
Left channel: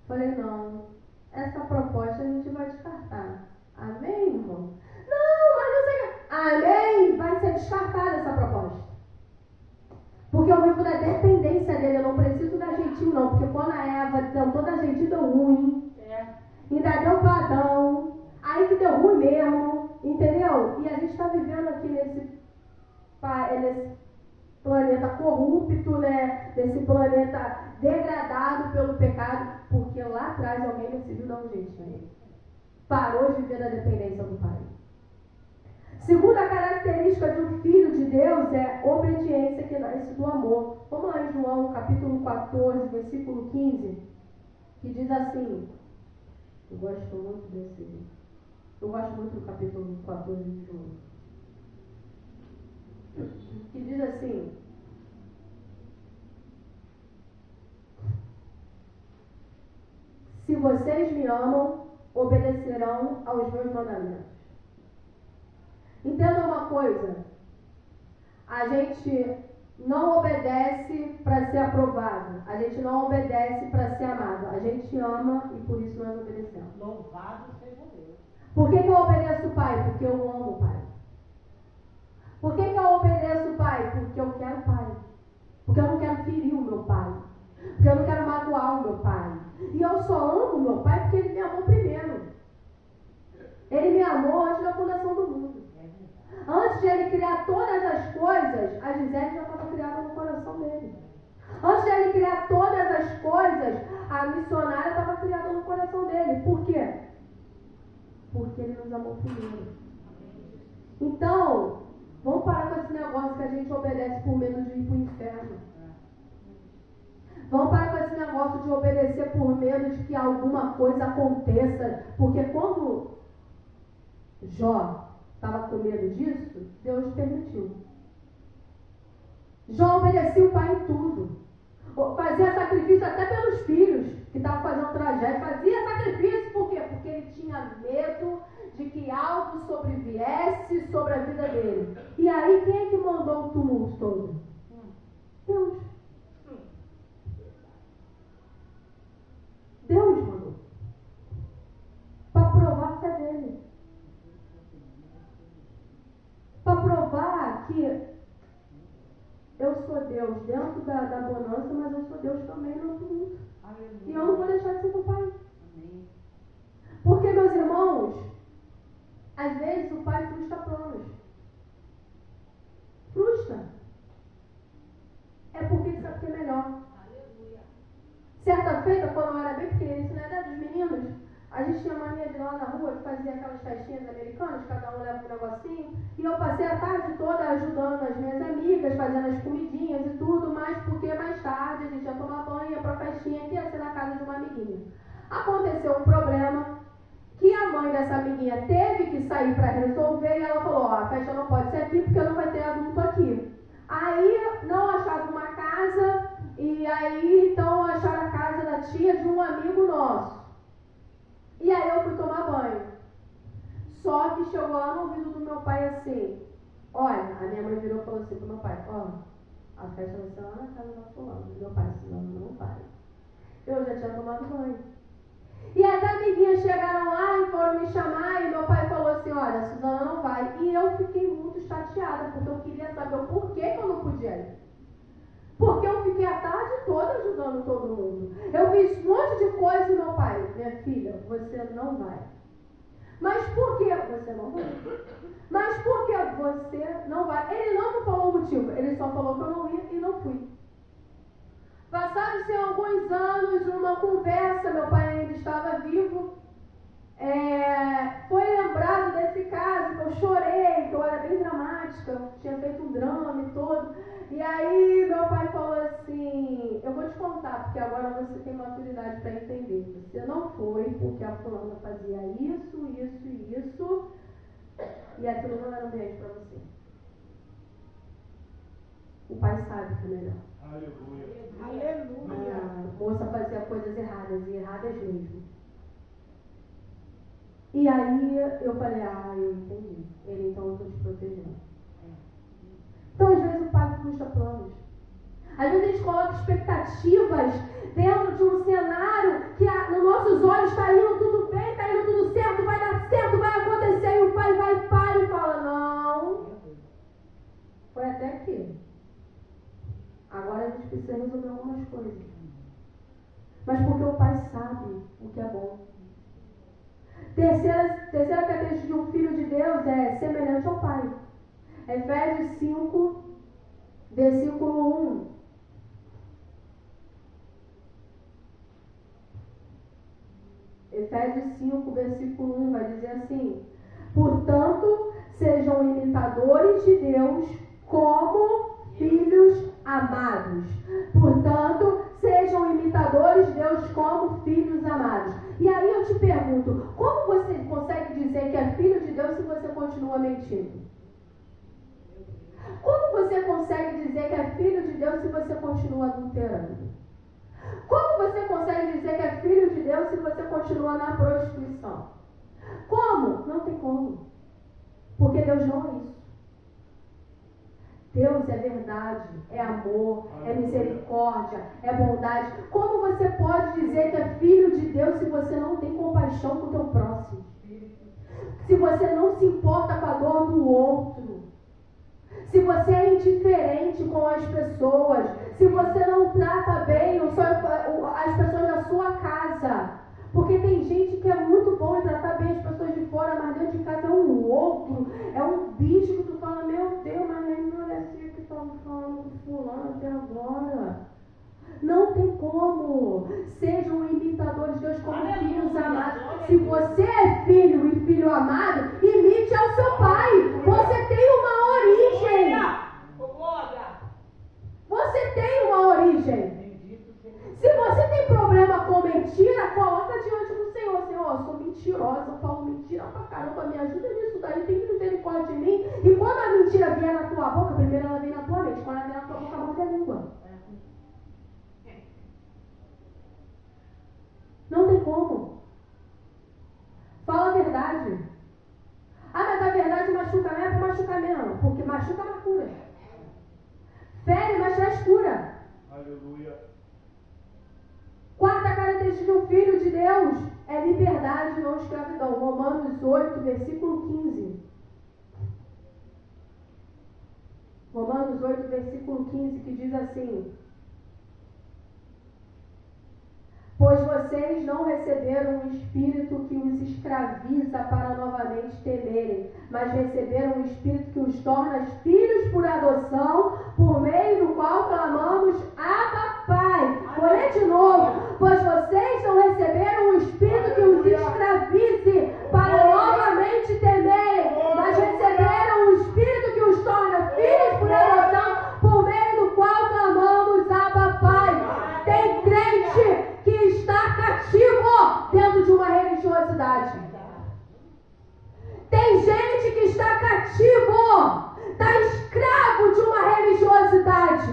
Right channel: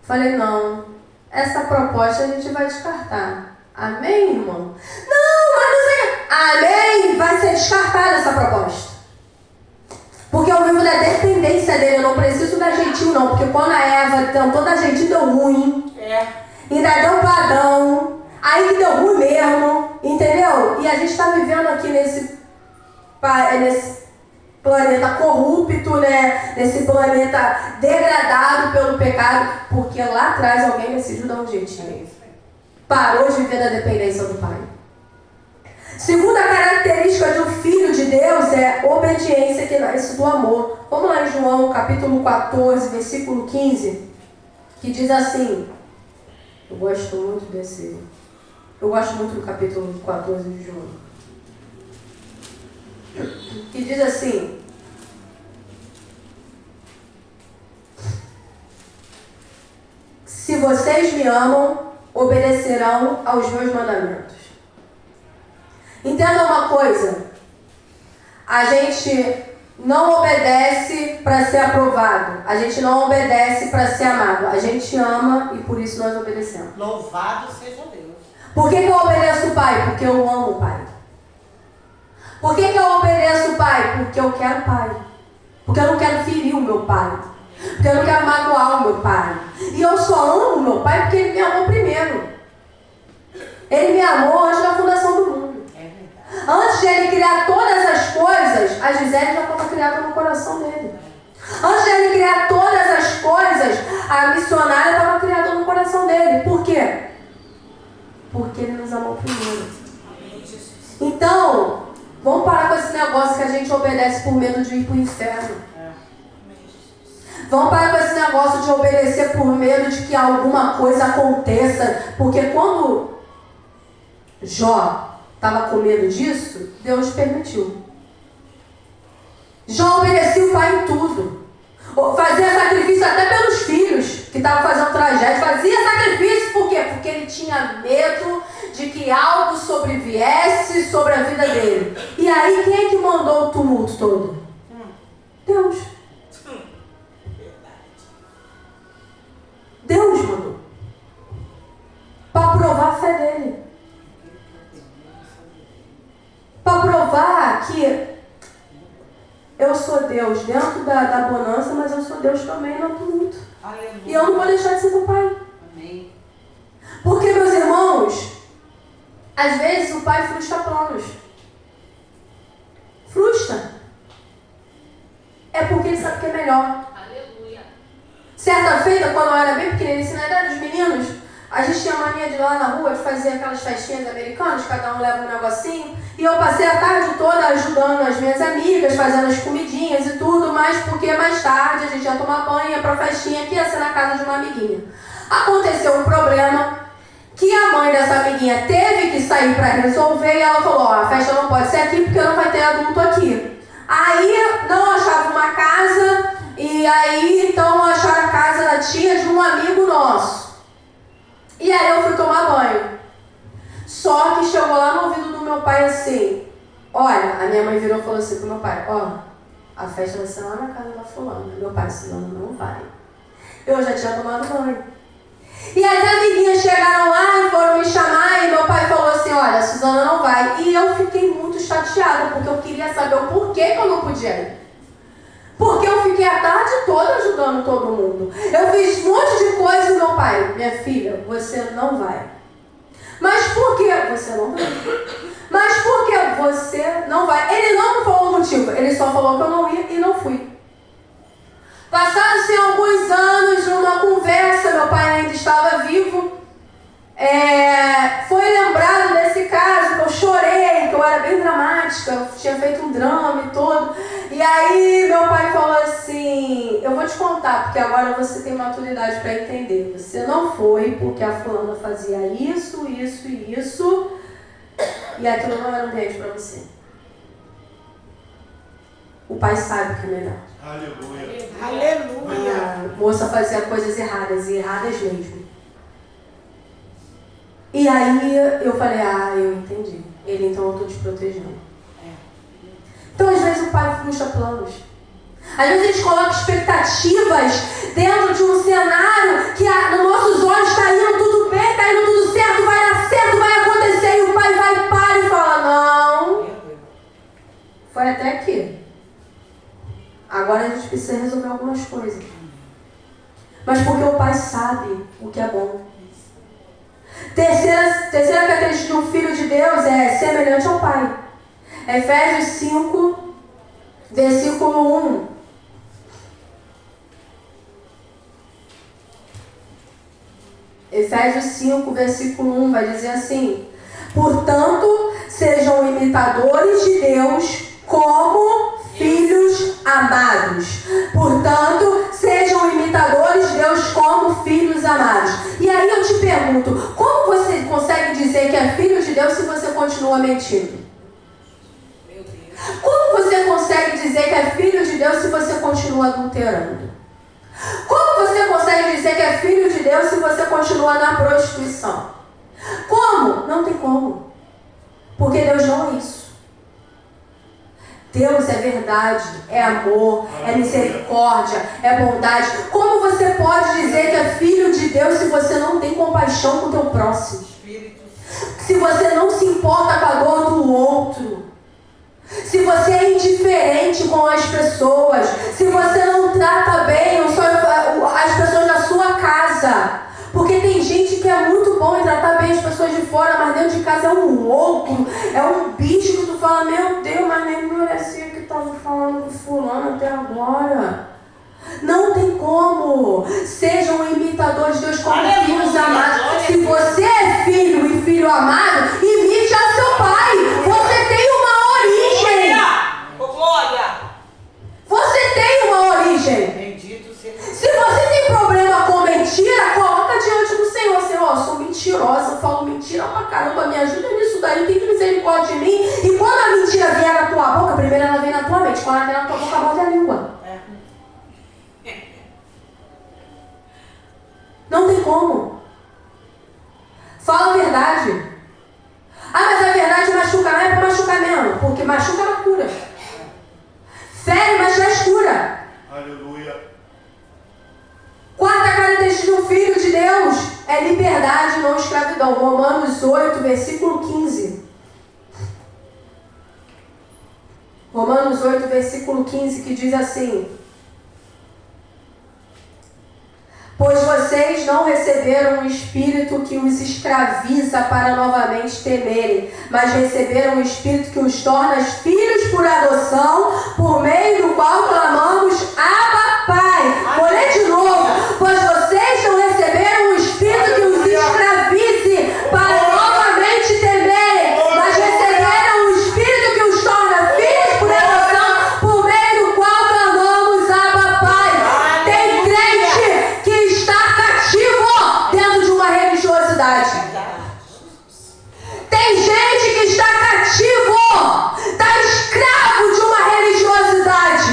Falei: não, essa proposta a gente vai descartar. Amém, irmão? Não, mas não sei. Amém, vai ser descartada essa proposta. Porque eu vivo da dependência dele, eu não preciso dar jeitinho não. Porque quando a Eva tentou dar jeitinho, deu ruim. Ainda deu padrão. Aí que deu ruim mesmo, entendeu? E a gente está vivendo aqui nesse planeta corrupto, né? Nesse planeta degradado pelo pecado. Porque lá atrás alguém decidiu dar um jeitinho. Parou de viver da dependência do pai. Segunda característica de um filho de Deus é obediência que nasce do amor. Vamos lá em João, capítulo 14, versículo 15, que diz assim, eu gosto muito do capítulo 14 de João, que diz assim, se vocês me amam, obedecerão aos meus mandamentos. Entenda uma coisa, a gente não obedece para ser aprovado, a gente não obedece para ser amado, a gente ama e por isso nós obedecemos. Louvado seja Deus. Por que eu obedeço o Pai? Porque eu amo o Pai. Por que eu obedeço o Pai? Porque eu quero o Pai. Porque eu não quero ferir o meu Pai. Porque eu não quero magoar o meu Pai. E eu só amo o meu Pai porque Ele me amou primeiro. Ele me amou antes da fundação do mundo. Antes de Ele criar todas as coisas, a Gisele já estava criada no coração dele. Antes de Ele criar todas as coisas, a missionária estava criada no coração dele. Por quê? Porque Ele nos amou primeiro. Então, vamos parar com esse negócio que a gente obedece por medo de ir para o inferno. Vamos parar com esse negócio de obedecer por medo de que alguma coisa aconteça. Porque quando Jó estava com medo disso, Deus permitiu. Jó obedecia o pai em tudo. Fazia sacrifício até pelos filhos que estavam fazendo tragédia. Fazia sacrifício por quê? Porque ele tinha medo de que algo sobreviesse sobre a vida dele. E aí, quem é que mandou o tumulto todo? Deus. Deus mandou. Para provar a fé dele. Para provar que eu sou Deus dentro da bonança, mas eu sou Deus também no tumulto. Aleluia. E eu não vou deixar de ser teu pai. Amém. Porque, meus irmãos, às vezes o pai frustra planos. Frustra. É porque ele sabe que é melhor. Aleluia. Certa feita, quando eu era bem pequenininha, na idade dos meninos, a gente tinha mania de ir lá na rua, de fazer aquelas festinhas americanas, cada um leva um negocinho. E eu passei a tarde toda ajudando as minhas amigas, fazendo as comidinhas e tudo, mas porque mais tarde a gente ia tomar banho, ia pra festinha, que ia ser na casa de uma amiguinha. Aconteceu um problema que a mãe dessa amiguinha teve que sair para resolver e ela falou, a festa não pode ser aqui porque não vai ter adulto aqui. Aí não achava uma casa e aí então acharam a casa da tia de um amigo nosso. E aí eu fui tomar banho. Só que chegou lá no ouvido do meu pai assim, olha, a minha mãe virou e falou assim pro meu pai, a festa vai ser lá na casa da fulana. Meu pai, senão não vai. Eu já tinha tomado banho. E as amiguinhas chegaram lá e foram me chamar e meu pai falou assim, olha, a Suzana não vai. E eu fiquei muito chateada, porque eu queria saber o porquê que eu não podia ir. Porque eu fiquei a tarde toda ajudando todo mundo. Eu fiz um monte de coisa e meu pai, minha filha, você não vai. Mas por que você não vai? Mas por que você não vai? Ele não me falou o motivo, ele só falou que eu não ia e não fui. Passaram-se alguns anos, numa conversa, meu pai ainda estava vivo, foi lembrado desse caso, que eu chorei, que eu era bem dramática, eu tinha feito um drama e todo. E aí meu pai falou assim, eu vou te contar, porque agora você tem maturidade para entender. Você não foi porque a fulana fazia isso, isso e isso, e aquilo não era um beijo para você. O pai sabe o que é melhor. Aleluia. Aleluia. A moça fazia coisas erradas, e erradas mesmo. E aí eu falei, eu entendi. Ele, então eu estou te protegendo. Então às vezes o pai frustra planos. Às vezes a gente coloca expectativas dentro de um cenário que nos nossos olhos está indo tudo bem, está indo tudo certo, vai dar certo, vai acontecer. E o pai vai para e fala, não, foi até aqui. Agora a gente precisa resolver algumas coisas. Mas porque o pai sabe o que é bom. Terceira característica de um filho de Deus é semelhante ao pai. Efésios 5, versículo 1. Efésios 5, versículo 1 vai dizer assim: portanto, sejam imitadores de Deus como filhos amados. Portanto, sejam imitadores de Deus como filhos amados. E aí eu te pergunto, como você consegue dizer que é filho de Deus se você continua mentindo? Como você consegue dizer que é filho de Deus se você continua adulterando? Como você consegue dizer que é filho de Deus se você continua na prostituição? Como? Não tem como. Porque Deus não é isso. Deus é verdade, é amor, é misericórdia, é bondade. Como você pode dizer que é filho de Deus se você não tem compaixão com o teu próximo? Se você não se importa com a dor do outro? Se você é indiferente com as pessoas? Se você não trata bem as pessoas da sua casa? Porque tem gente que é muito bom em tratar bem as pessoas de fora, mas dentro de casa é um louco, é um bicho que tu fala, meu Deus, mas nem merecia que estava falando com fulano até agora. Não tem como. Sejam imitadores de Deus como filhos amados. Se você é filho e filho amado, imite ao seu pai. Você tem uma origem. Você tem uma origem. Se você tem problema com mentira, coloca diante do Senhor. Senhor, eu sou mentirosa, eu falo mentira pra caramba, me ajuda nisso daí, tem misericórdia de mim. E quando a mentira vier na tua boca, primeiro ela vem na tua mente. Quando ela vem na tua boca, morde a língua. Não tem como. Fala a verdade. Ah, mas a verdade machuca. Não é pra machucar mesmo, porque machuca ela cura. Fere, mas traz cura. Aleluia. Quarta característica de um filho de Deus é liberdade, não escravidão. Romanos 8, versículo 15. Romanos 8, versículo 15, que diz assim: pois vocês não receberam um espírito que os escraviza para novamente temerem, mas receberam um espírito que os torna filhos por adoção, por meio do qual clamamos, Abba, Pai. Vou ler de novo. Pois vocês não receberam um espírito que os escravize para novamente temerem, mas receberam um espírito que os torna filhos por adoção, por meio do qual clamamos, Abba, Pai. Tem crente que está cativo dentro de uma religiosidade. Tem gente que está cativo, está escravo de uma religiosidade.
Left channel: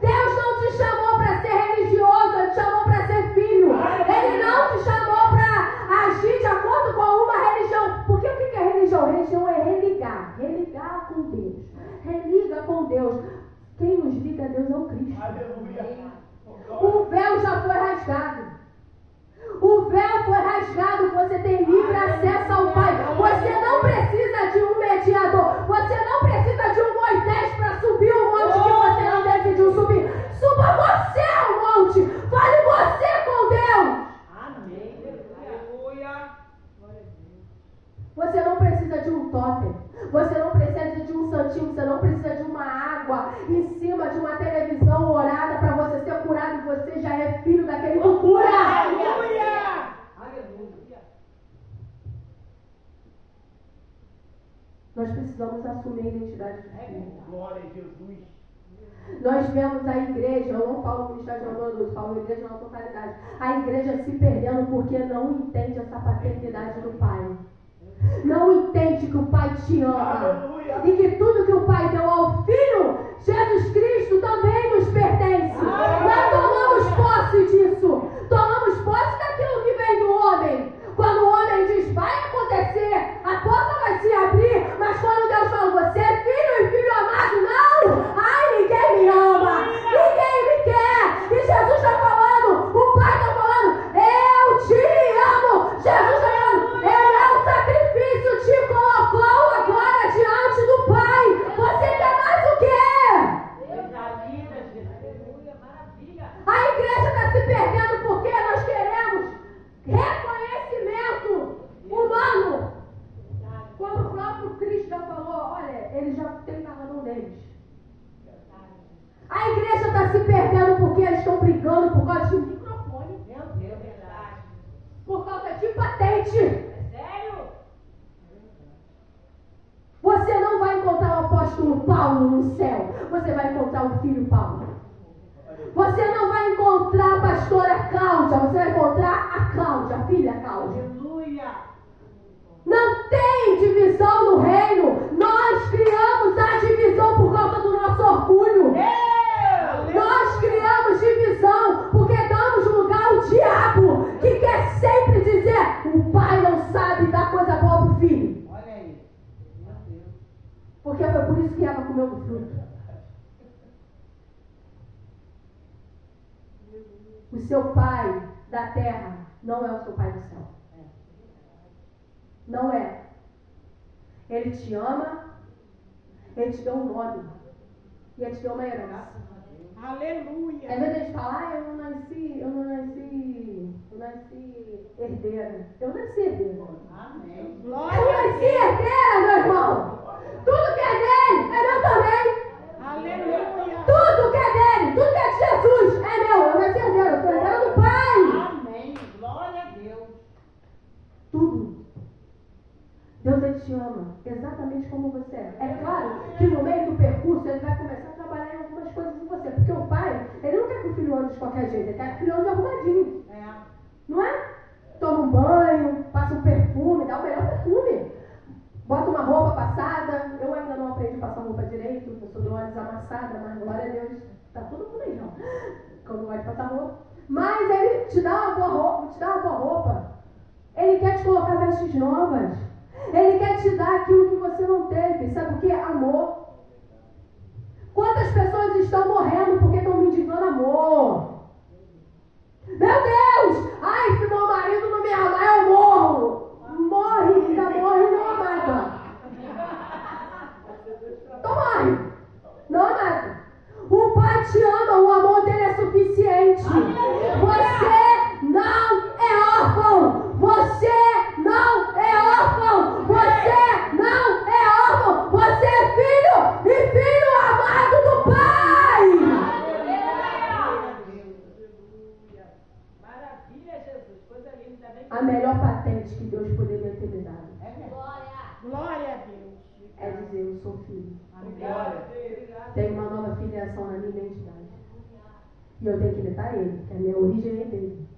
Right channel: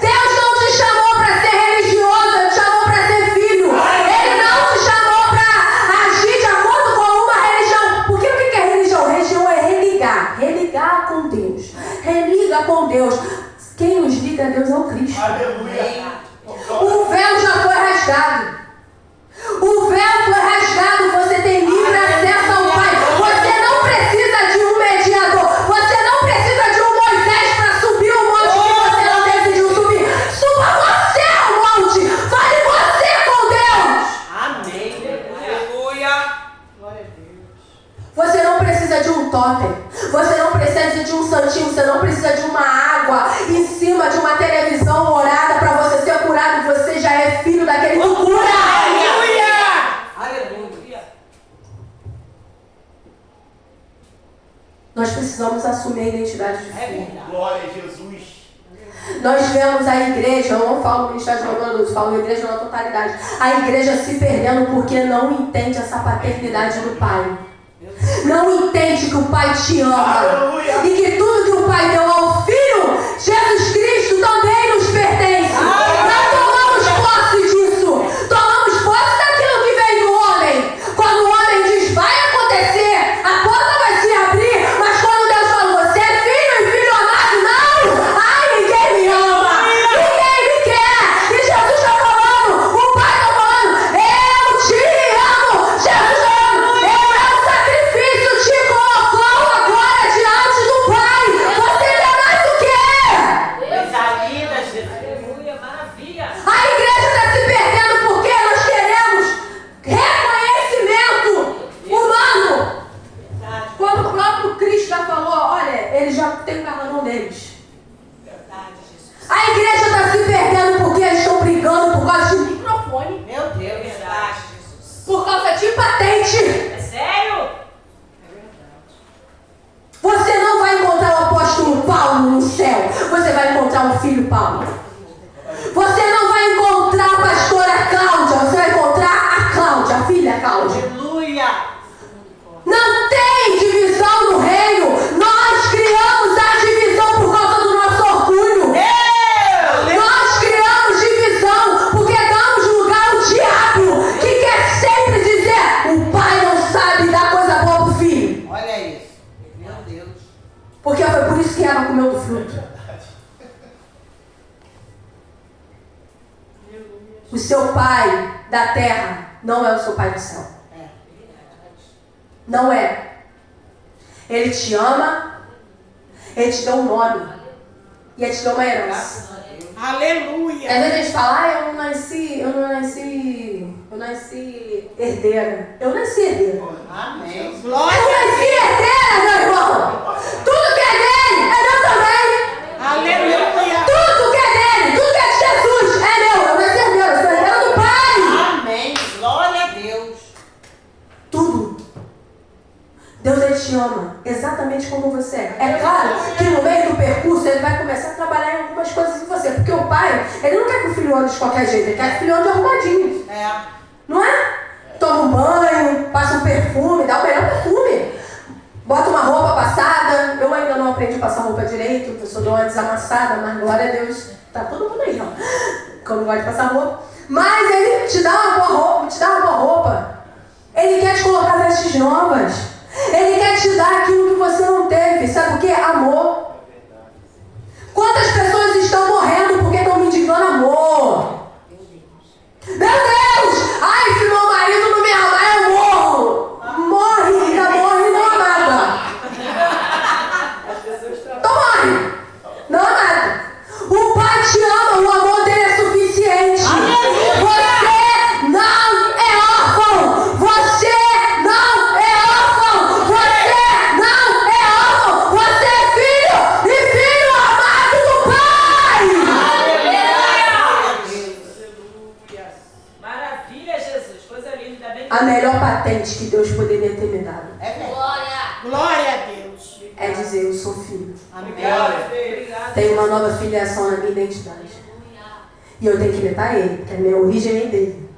Deus não te chamou para ser religioso, Ele te chamou para ser filho. Ele não te chamou para agir de acordo com uma religião. Porque o que é religião? Religião é religar. Religar com Deus. Religa com Deus. Quem nos liga a Deus é o Cristo. Aleluia. O véu já foi rasgado. O véu foi rasgado. Você tem livre acesso ao Pai. Você não precisa de um mediador. Você não precisa de um Moisés para subir o monte que você não decidiu subir. Suba você ao monte. Fale você com Deus. Amém. Aleluia. Glória a Deus. Você não precisa de um totem. Você não precisa de um santinho. Você não precisa de uma água em cima de uma televisão orada para você ser curado. Você já é filho daquele que cura. Aleluia. Nós precisamos assumir a identidade de É filho. verdade. Glória a Jesus. Nós vemos a igreja, eu não falo ministério de adultos, falo igreja na totalidade. A igreja se perdendo porque não entende essa paternidade do Pai. Não entende que o Pai te ama. Aleluia. E que tudo que o Pai deu ao Filho, Jesus Cristo, também nos pertence. Não tomamos posse disso. Tomamos posse daquilo que vem do homem. Quando o homem diz, vai acontecer, a porta vai se abrir. Mas quando Deus fala, você é filho e filho amado, não. Ai, ninguém me ama. Ninguém me quer. E Jesus está falando, o Pai está falando, eu te amo. Jesus está falando, eu é o sacrifício, te colocou agora diante do Pai. Você quer mais o quê? Coisa linda, Jesus. Aleluia. Maravilha. A igreja está se perdendo porque nós queremos reconhecimento humano. Verdade. Quando o próprio Cristo já falou, olha, eles já têm o galardão deles. Verdade, Jesus. A igreja está se perdendo porque eles estão brigando por causa de microfone, Meu Deus. Verdade, Jesus. por causa de patente. É sério? É verdade. um filho Paulo. Você não vai encontrar a pastora Cláudia, você vai encontrar a Cláudia, a filha Cláudia. Aleluia. Não tem divisão no reino. Nós criamos a divisão por causa do nosso orgulho. Nós criamos divisão porque damos lugar ao diabo, que quer sempre dizer: o pai não sabe dar coisa boa pro filho. Olha isso. Meu Deus. Porque foi por isso que Eva comeu do fruto. O seu pai da terra não é o seu pai do céu. Não é. Ele te ama, ele te deu um nome e ele te deu uma herança. Aleluia. Às vezes a gente fala: eu não nasci herdeira. Eu nasci herdeira. Amém. Eu nasci herdeira, meu irmão. Tudo que é dele é meu também. Aleluia. Tudo que é dele, tudo que é de Jesus é meu. Eu nasci herdeira, eu sou herdeira do Pai. Amém. Glória a Deus. Tudo. Deus, ele te ama exatamente como você é. É claro que no meio do percurso ele vai começar a trabalhar em algumas coisas em você. Porque o pai, ele não quer que o filho ande de qualquer jeito. Ele quer que o filho ande arrumadinho. Não é? Toma um banho, passa um perfume, dá o melhor perfume. Bota uma roupa passada. Eu ainda não aprendi a passar roupa direito. Eu sou de uma desamassada, mas glória a Deus. Tá todo mundo aí, ó. Como gosta de passar roupa. Mas ele te dá uma boa roupa, te dá uma boa roupa. Ele quer te colocar vestes novas. Ele quer te dar aquilo que você não teve. Sabe por quê? Amor. Quantas pessoas estão morrendo porque estão me indicando amor? Meu Deus! Ai, se meu marido não me amar, eu morro. Morre, ainda morre não amada. Então morre. Não amada. O pai te ama, o amor dele é suficiente. Você não é órfão. Você não é órfão. Você não é órfão. Você é filho e filho amado do Pai. Maravilha, Jesus. Coisa linda. Bem A melhor patente que Deus poderia ter me dado Glória a Deus. é dizer: eu sou filho. Obrigado. Tenho uma nova filiação na minha identidade. E eu tenho que imitar ele, porque a minha origem vem dele.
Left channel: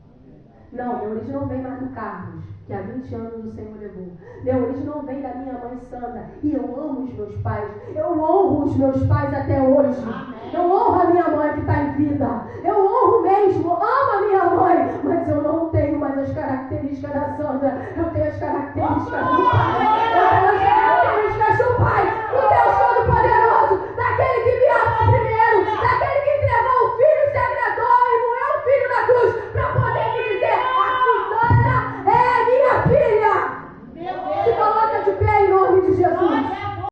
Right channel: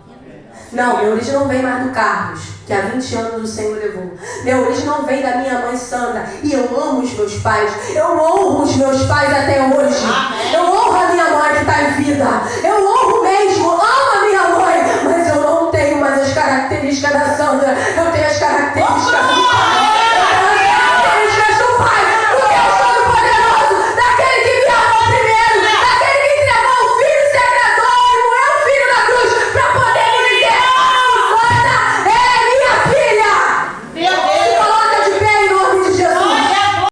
Não, minha origem não vem mais do Carlos, que há 20 anos o Senhor levou. Minha origem não vem da minha mãe Sandra. E eu amo os meus pais. Eu honro os meus pais até hoje. Eu honro a minha mãe que está em vida. Eu